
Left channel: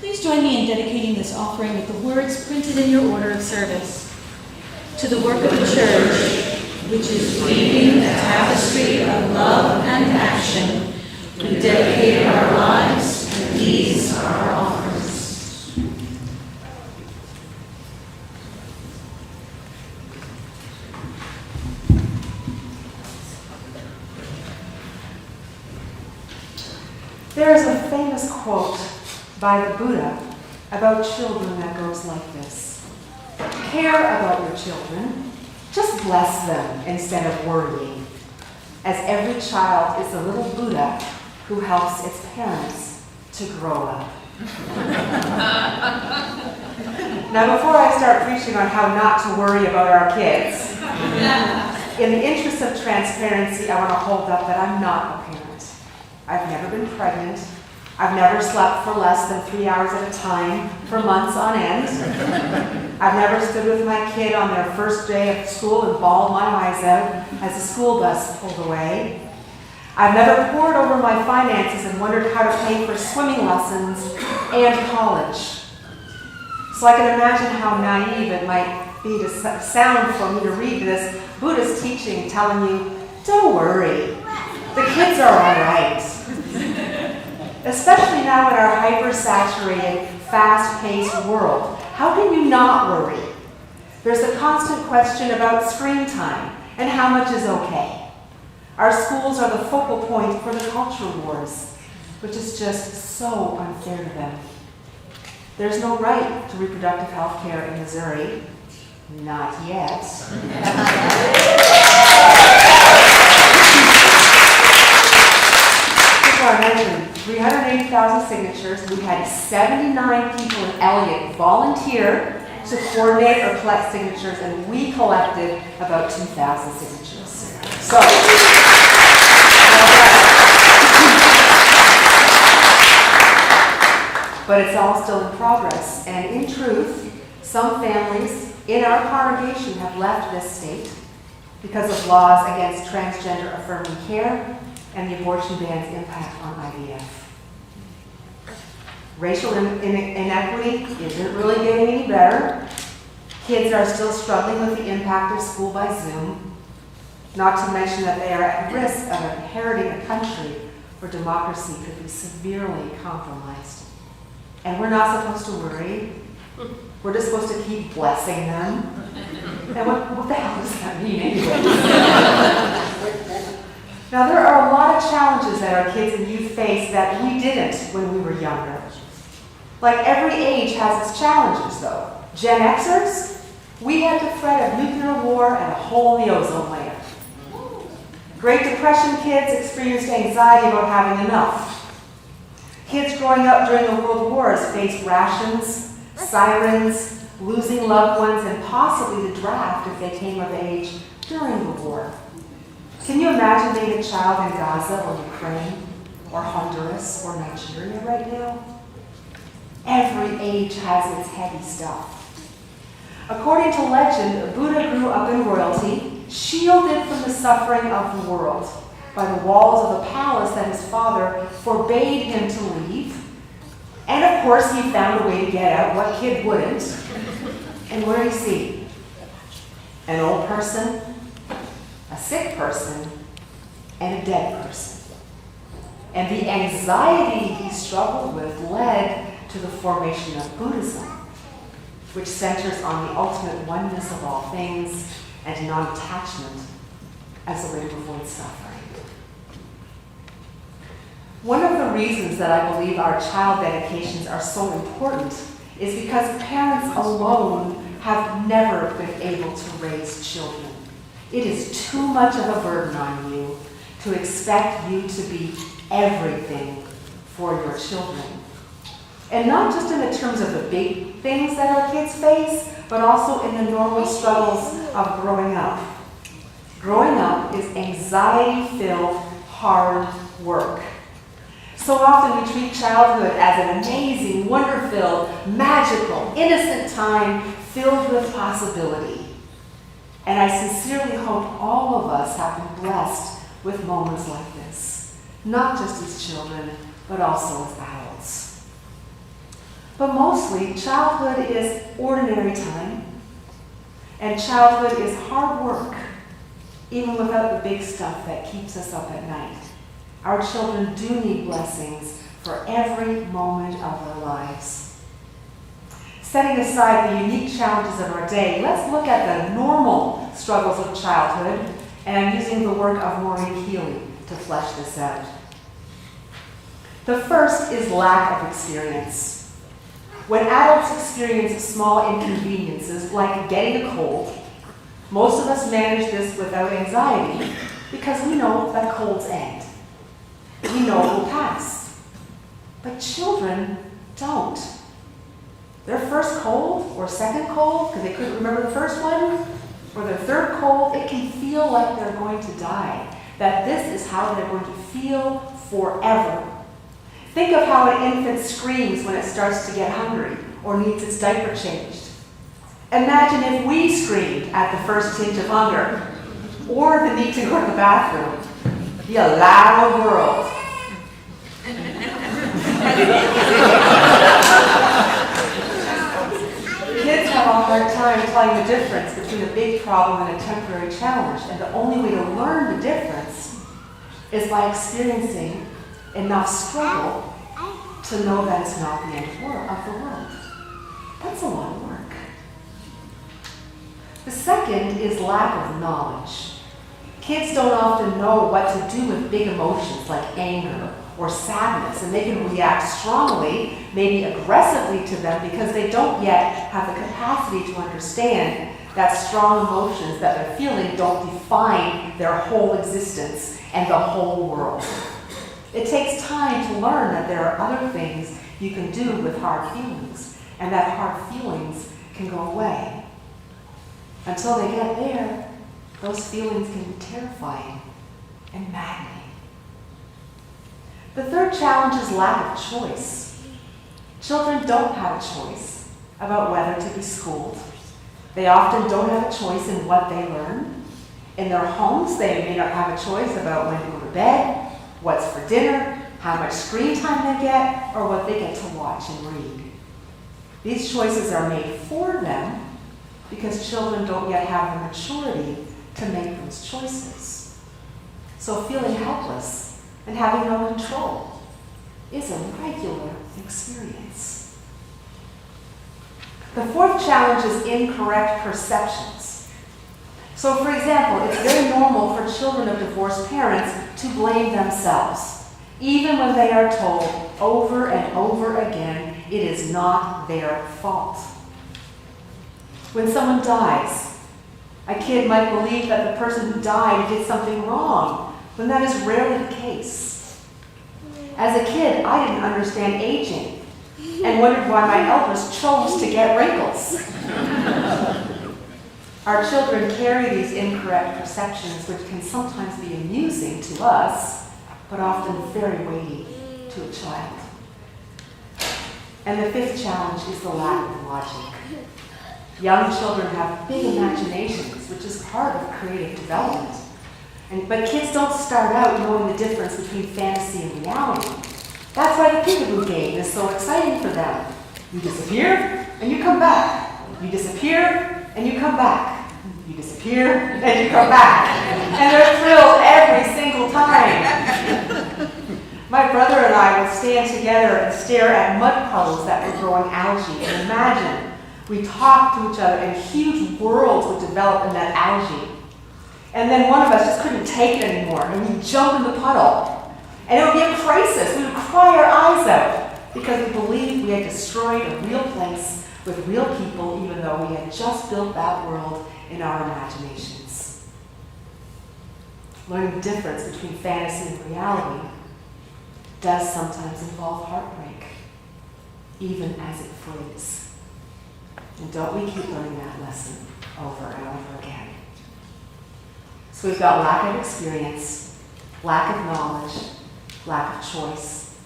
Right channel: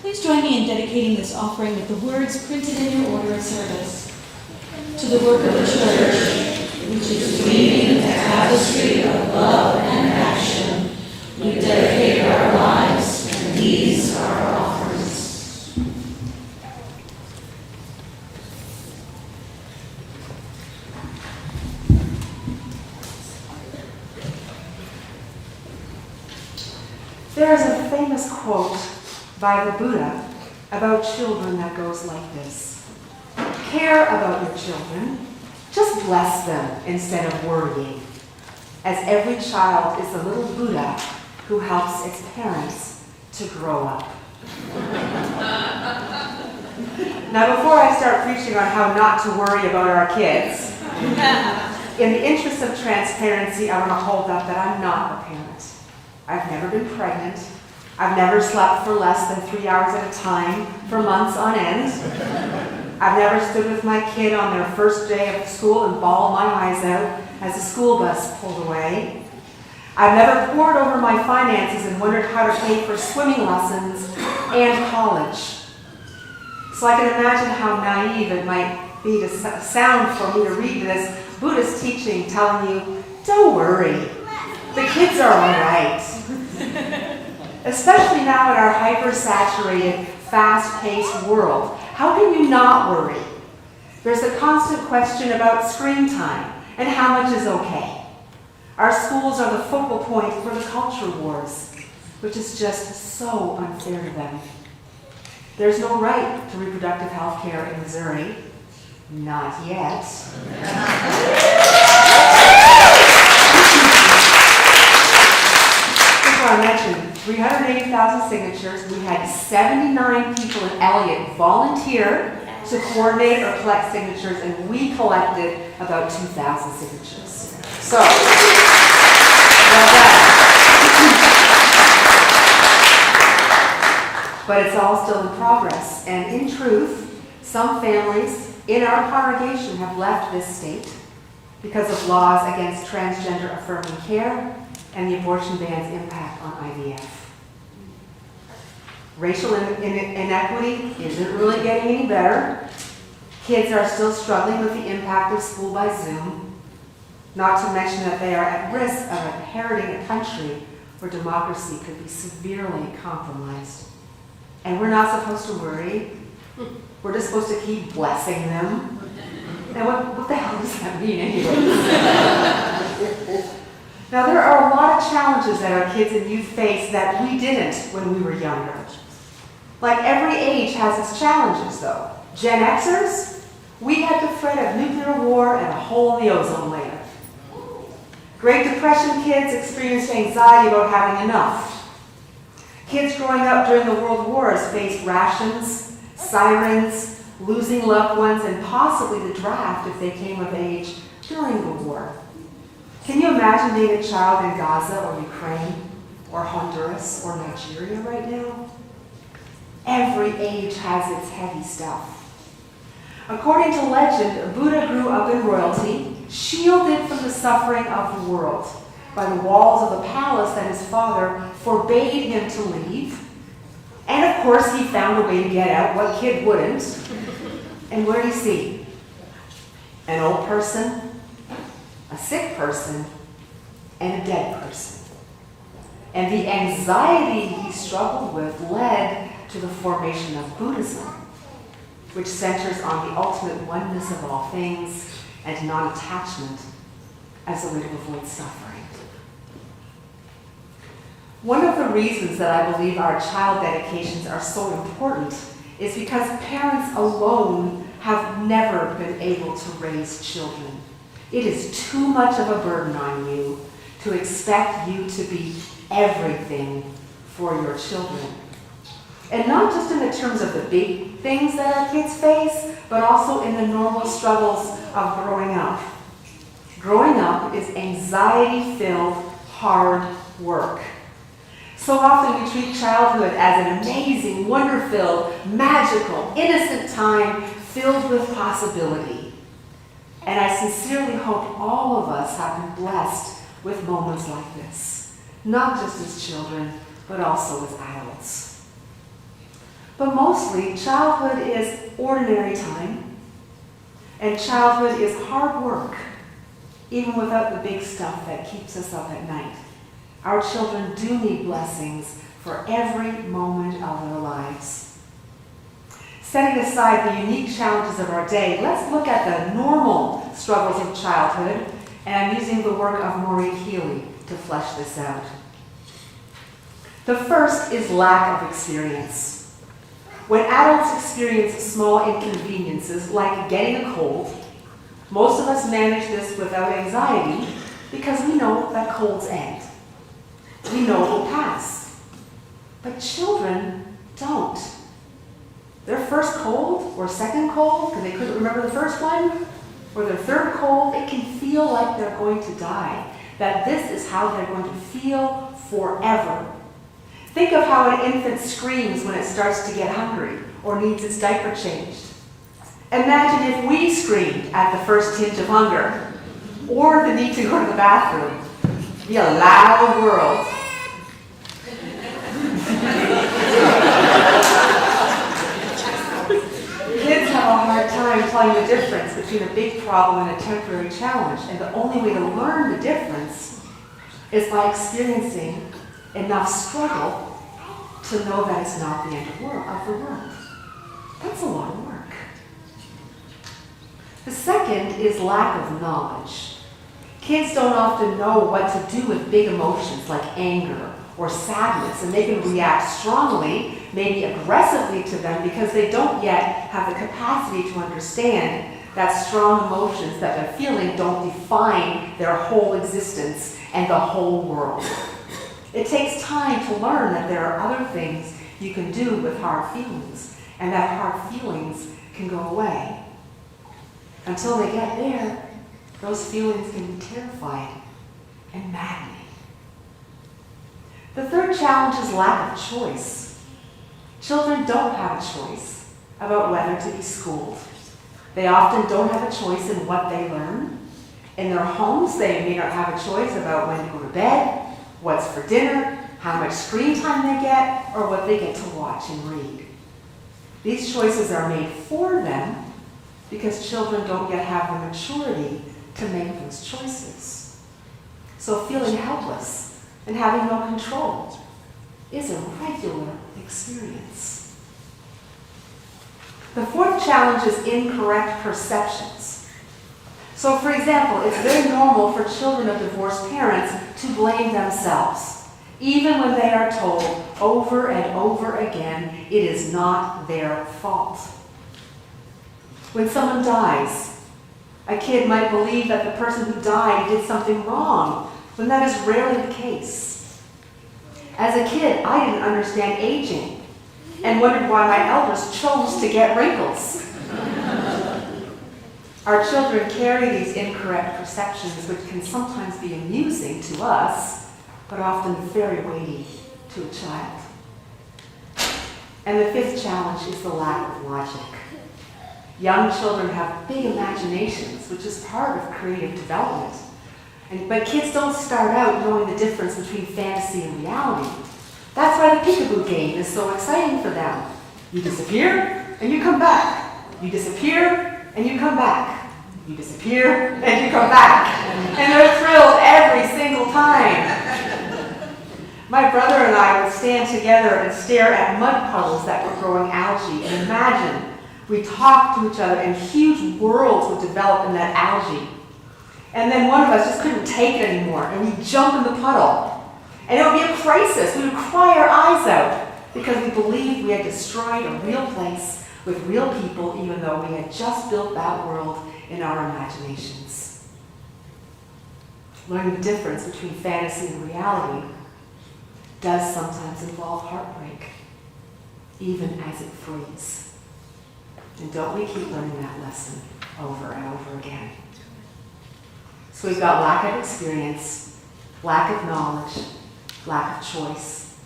Please join me in dedicating this offering with the words printed in your order of service. To the work of the church, which is weaving a tapestry of love and action, we dedicate our lives, and these are our offerings. There is a famous quote by the Buddha about children that goes like this: care about your children, just bless them instead of worrying, as every child is a little Buddha who helps its parents to grow up. Now, before I start preaching on how not to worry about our kids, in the interest of transparency, I want to hold up that I'm not a parent. I've never been pregnant. I've never slept for less than 3 hours at a time for months on end. I've never stood with my kid on their first day of school and bawled my eyes out as the school bus pulled away. I've never pored over my finances and wondered how to pay for swimming lessons and college. So I can imagine how naive it might be to sound for me to read this Buddhist teaching telling you, don't worry, the kids are all right. Especially now in our hyper-saturated, fast-paced world, how can you not worry? There's a constant question about screen time and how much is okay. Our schools are the focal point for the culture wars, which is just so unfair to them. There's no right to reproductive health care in Missouri. Not yet. Before I mentioned 380,000 signatures, we had 79 people in Eliot volunteer to coordinate or collect signatures, and we collected about 2,000 signatures. So, well done. But it's all still in progress, and in truth, some families in our congregation have left this state because of laws against transgender affirming care and the abortion ban's impact on IVF. Racial inequity isn't really getting any better. Kids are still struggling with the impact of school by Zoom, not to mention that they are at risk of inheriting a country where democracy could be severely compromised. And we're not supposed to worry. We're just supposed to keep blessing them. And what the hell does that mean anyway? Now, there are a lot of challenges that our kids and youth face that we didn't when we were younger. Like every age has its challenges, though. Gen Xers, we had the threat of nuclear war and a hole in the ozone layer. Great Depression kids experienced anxiety about having enough. Kids growing up during the world wars faced rations, sirens, losing loved ones, and possibly the draft if they came of age during the war. Can you imagine being a child in Gaza or Ukraine or Honduras or Nigeria right now? Every age has its heavy stuff. According to legend, Buddha grew up in royalty, shielded from the suffering of the world by the walls of a palace that his father forbade him to leave. And of course, he found a way to get out. What kid wouldn't? And what did he see? An old person, a sick person, and a dead person. And the anxiety he struggled with led to the formation of Buddhism, which centers on the ultimate oneness of all things and non-attachment as a way to avoid suffering. One of the reasons that I believe our child dedications are so important is because parents alone have never been able to raise children. It is too much of a burden on you to expect you to be everything for your children. And not just in the terms of the big things that our kids face, but also in the normal struggles of growing up. Growing up is anxiety-filled, hard work. So often we treat childhood as an amazing, wonder-filled, magical, innocent time filled with possibility. And I sincerely hope all of us have been blessed with moments like this, not just as children, but also as adults. But mostly, childhood is ordinary time, and childhood is hard work, even without the big stuff that keeps us up at night. Our children do need blessings for every moment of their lives. Setting aside the unique challenges of our day, let's look at the normal struggles of childhood, and I'm using the work of Maureen Healy to flesh this out. The first is lack of experience. When adults experience small inconveniences like getting a cold, most of us manage this without anxiety because we know that colds end. We know it will pass. But children don't. Their first cold or second cold, because they couldn't remember the first one, or their third cold, it can feel like they're going to die. That this is how they're going to feel forever. Think of how an infant screams when it starts to get hungry or needs its diaper changed. Imagine if we screamed at the first tinge of hunger or the need to go to the bathroom. It'd be a loud world. Kids have a hard time telling the difference between a big problem and a temporary challenge, and the only way to learn the difference is by experiencing enough struggle to know that it's not the end of the world. That's a lot of work. The second is lack of knowledge. Kids don't often know what to do with big emotions like anger or sadness, and they can react strongly, maybe aggressively to them because they don't yet have the capacity to understand that strong emotions that they're feeling don't define their whole existence and the whole world. It takes time to learn that there are other things you can do with hard feelings, and that hard feelings can go away. Until they get there, those feelings can be terrifying and maddening. The third challenge is lack of choice. Children don't have a choice about whether to be schooled. They often don't have a choice in what they learn. In their homes, they may not have a choice about when to go to bed, what's for dinner, how much screen time they get, or what they get to watch and read. These choices are made for them because children don't yet have the maturity to make those choices. So feeling helpless and having no control is a regular experience. The fourth challenge is incorrect perceptions. So for example, it's very normal for children of divorced parents to blame themselves, even when they are told over and over again it is not their fault. When someone dies, a kid might believe that the person who died did something wrong, when that is rarely the case. As a kid, I didn't understand aging and wondered why my elders chose to get wrinkles. Our children carry these incorrect perceptions, which can sometimes be amusing to us, but often very weighty to a child. And the fifth challenge is the lack of logic. Young children have big imaginations, which is part of creative development. But kids don't start out knowing the difference between fantasy and reality. That's why the peekaboo game is so exciting for them. You disappear, and you come back. You disappear, and you come back. You disappear, and you come back. And they're thrilled every single time. My brother and I would stand together and stare at mud puddles that were growing algae and imagine we talked to each other and huge worlds would develop in that algae. And then one of us just couldn't take it anymore, and we'd jump in the puddle. And it would be a crisis. We would cry our eyes out because we believed we had destroyed a real place with real people, even though we had just built that world in our imaginations. Learning the difference between fantasy and reality does sometimes involve heartbreak, even as it frees. And don't we keep learning that lesson over and over again? So we've got lack of experience, lack of knowledge, lack of choice,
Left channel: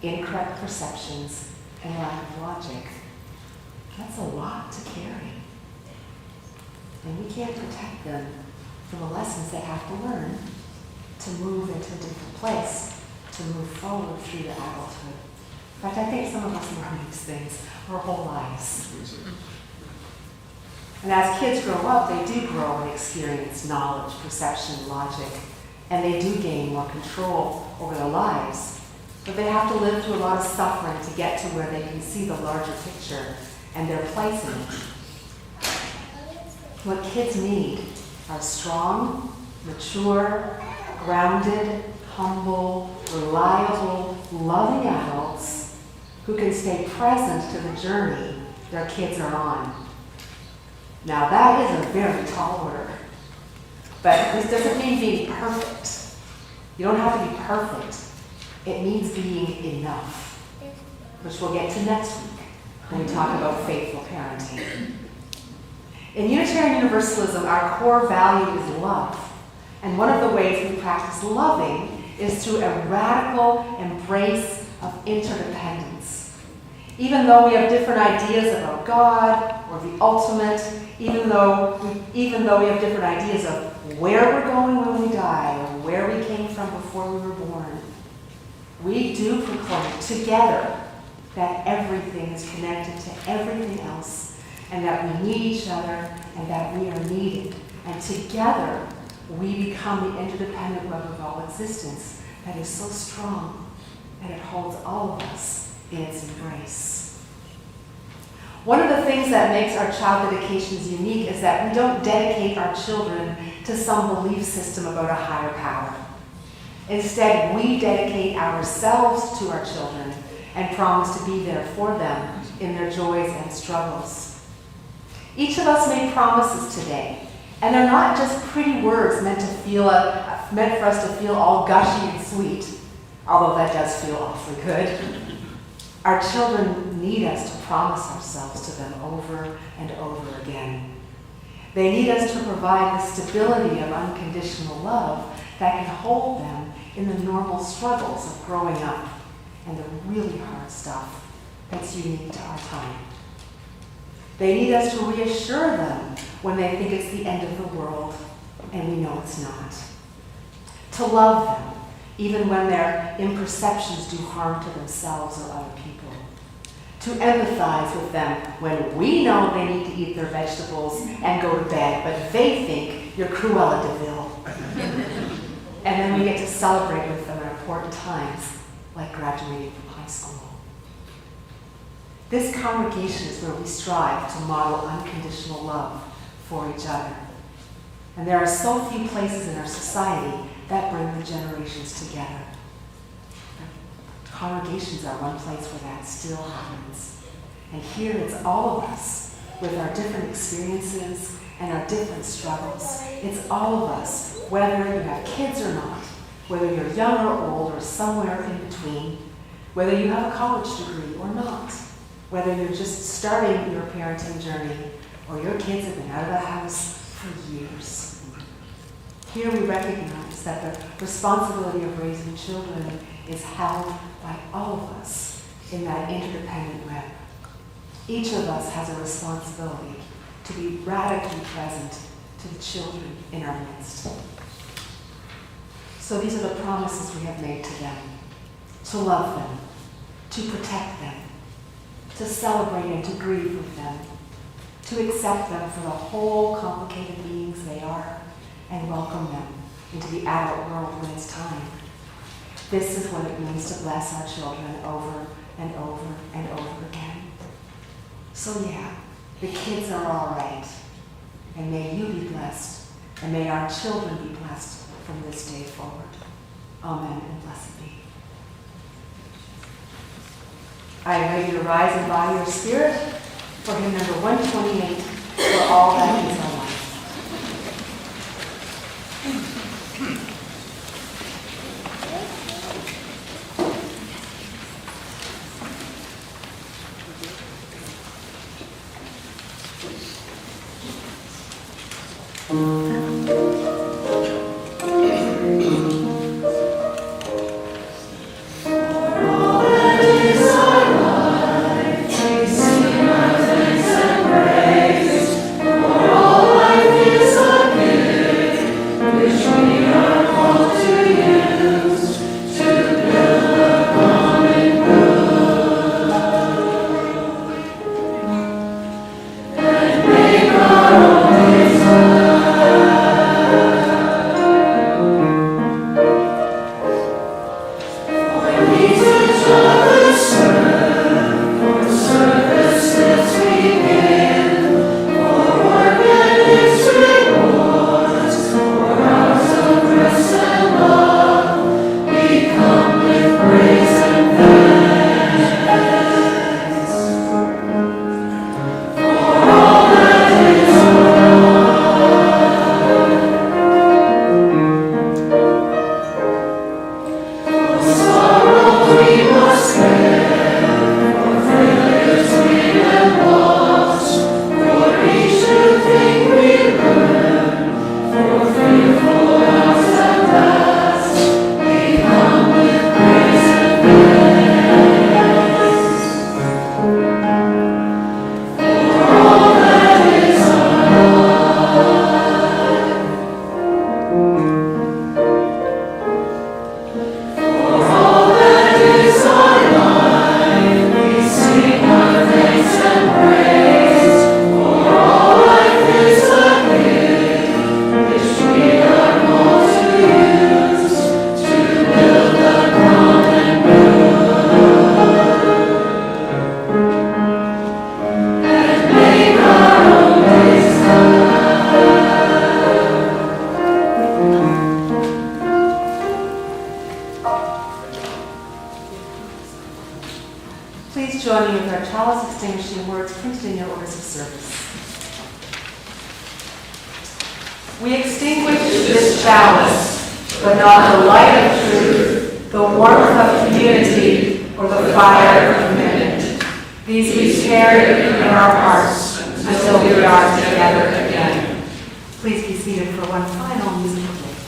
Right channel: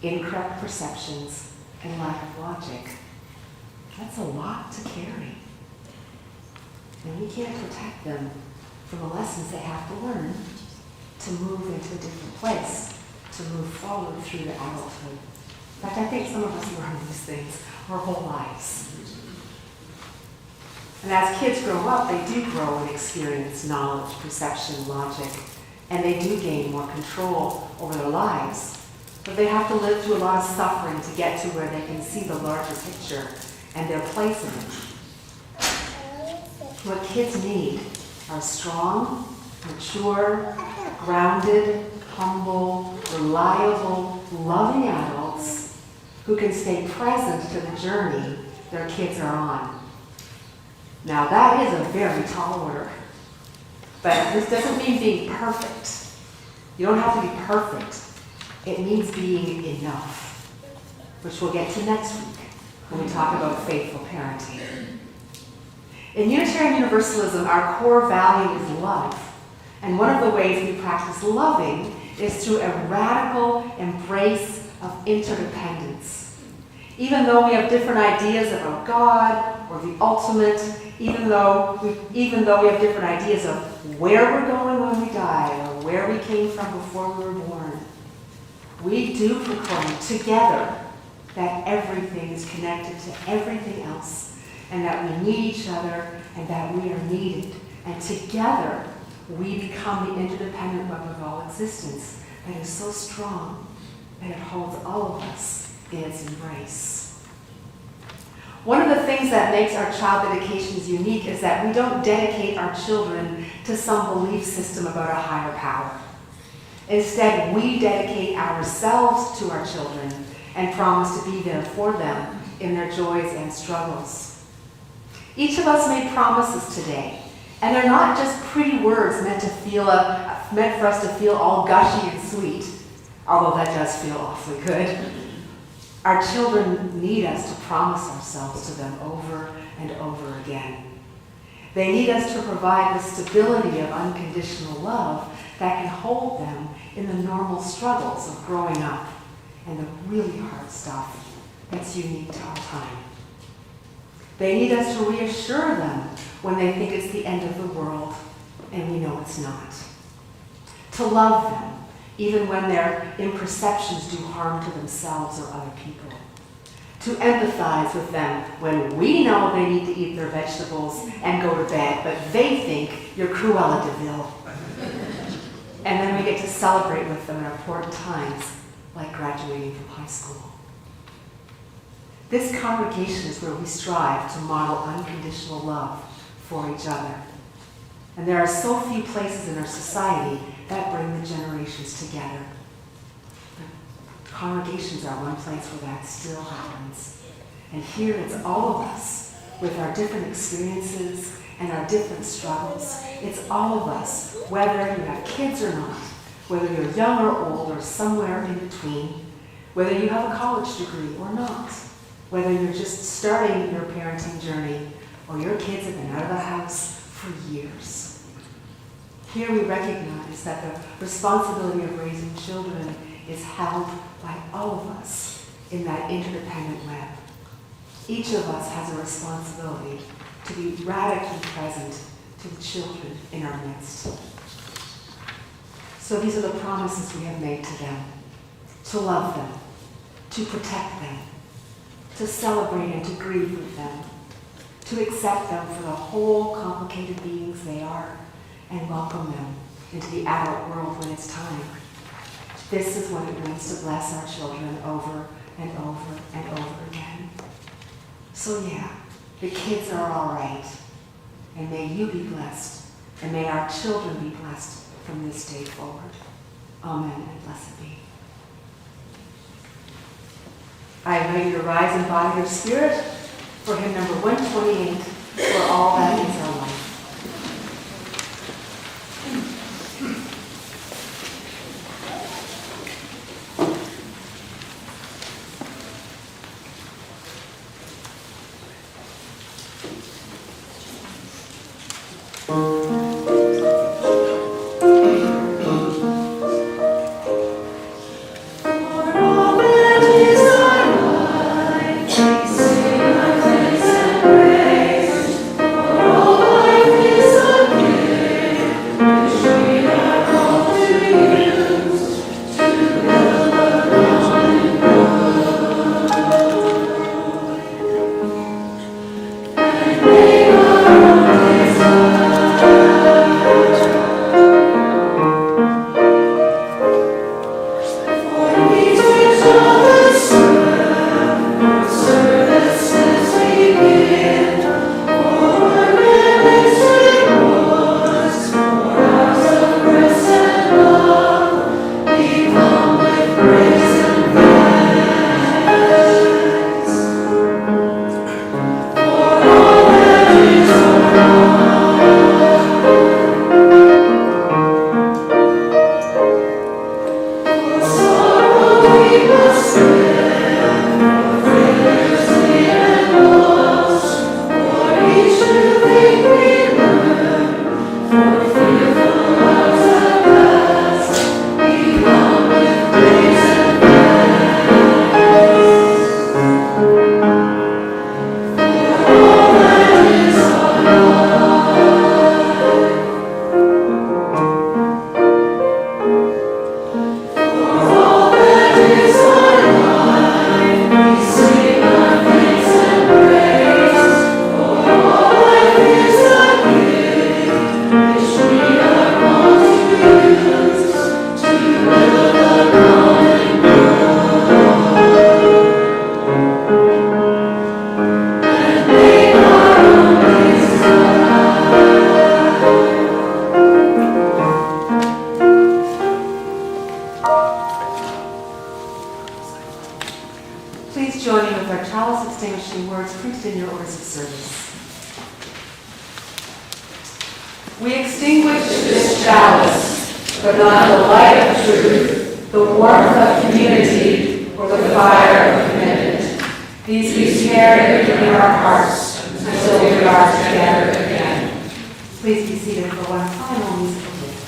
incorrect perceptions, and lack of logic. That's a lot to carry. And we can't protect them from the lessons they have to learn to move into a different place, to move forward through their adulthood. In fact, I think some of us learn these things our whole lives. And as kids grow up, they do grow and experience knowledge, perception, logic, and they do gain more control over their lives. But they have to live through a lot of suffering to get to where they can see the larger picture and their place in it. What kids need are strong, mature, grounded, humble, reliable, loving adults who can stay present to the journey their kids are on. Now that is a very tall order, but this doesn't mean being perfect. You don't have to be perfect. It means being enough, which we'll get to next week when we talk about faithful parenting. In Unitarian Universalism, our core value is love. And one of the ways we practice loving is through a radical embrace of interdependence. Even though we have different ideas about God or the ultimate, even though we have different ideas of where we're going when we die or where we came from before we were born, we do proclaim together that everything is connected to everything else, and that we need each other, and that we are needed. And together, we become the interdependent web of all existence that is so strong that it holds all of us in its embrace. One of the things that makes our child dedications unique is that we don't dedicate our children to some belief system about a higher power. Instead, we dedicate ourselves to our children and promise to be there for them in their joys and struggles. Each of us made promises today, and they're not just pretty words meant for us to feel all gushy and sweet, although that does feel awfully good. Our children need us to promise ourselves to them over and over again. They need us to provide the stability of unconditional love that can hold them in the normal struggles of growing up and the really hard stuff that's unique to our time. They need us to reassure them when they think it's the end of the world, and we know it's not. To love them, even when their imperceptions do harm to themselves or other people. To empathize with them when we know they need to eat their vegetables and go to bed, but they think you're Cruella de Vil. And then we get to celebrate with them at important times, like graduating from high school. This congregation is where we strive to model unconditional love for each other. And there are so few places in our society that bring the generations together. But congregations are one place where that still happens. And here it's all of us, with our different experiences and our different struggles. It's all of us, whether you have kids or not, whether you're young or old or somewhere in between, whether you have a college degree or not, whether you're just starting your parenting journey or your kids have been out of the house for years. Here we recognize that the responsibility of raising children is held by all of us in that interdependent web. Each of us has a responsibility to be radically present to the children in our midst. So these are the promises we have made to them: to love them, to protect them, to celebrate and to grieve with them, to accept them for the whole complicated beings they are, and welcome them into the adult world when it's time. This is what it means to bless our children over and over and over again. So yeah, the kids are all right, and may you be blessed, and may our children be blessed from this day forward. Amen, and blessed be. I invite you to rise in body or spirit for hymn number 128, For All That Is Our Life. For all please join me with our chalice extinguishing words printed in your orders of service. We extinguish this chalice, but not the light of truth, the warmth of community, or the fire of commitment. These we share in our hearts until we are together again. Please be seated for one final musical gift.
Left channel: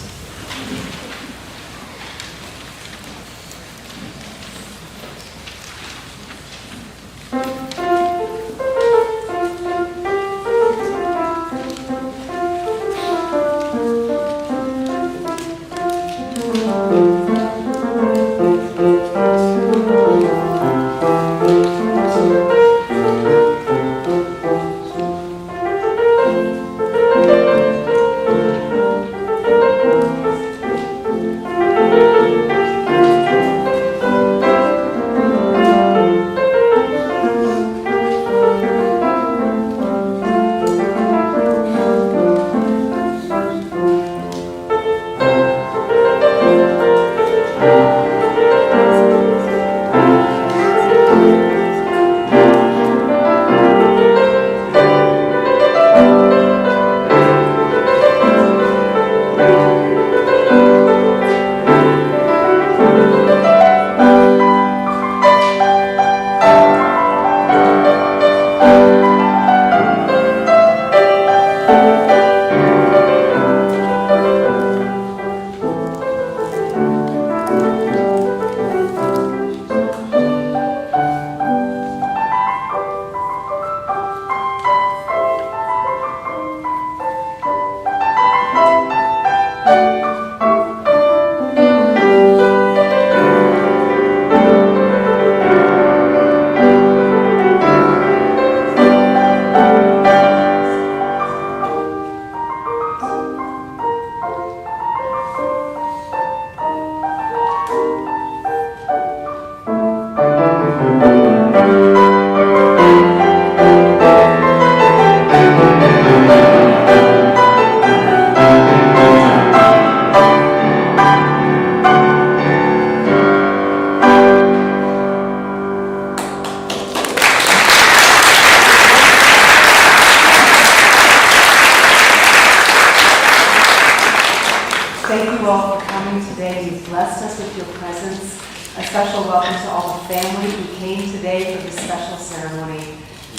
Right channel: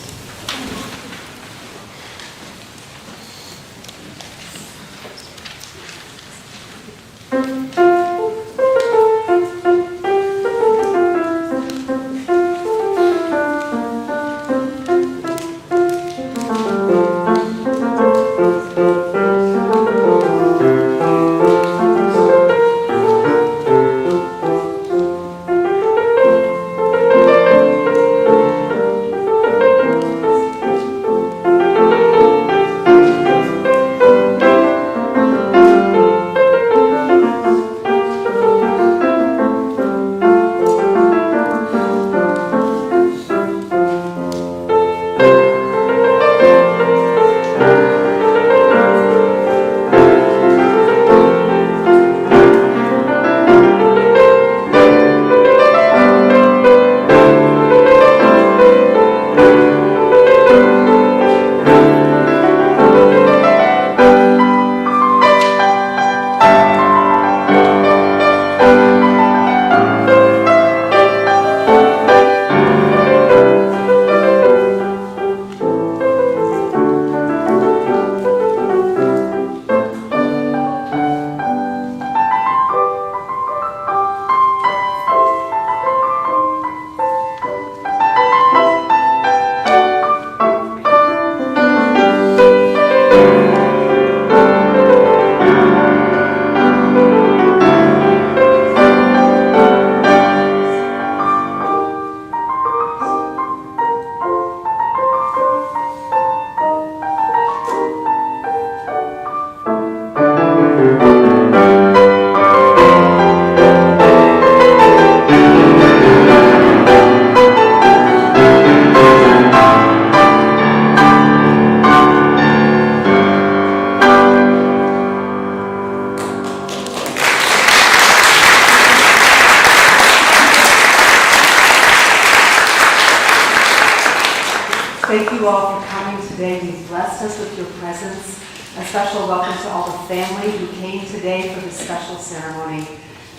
Thank you all for coming today. You've blessed us with your presence. A special welcome to all the family who came today for this special ceremony.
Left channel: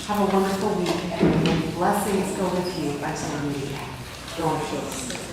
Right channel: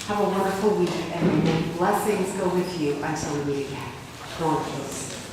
Have a wonderful week, and may blessings go with you until we meet again. Go in peace.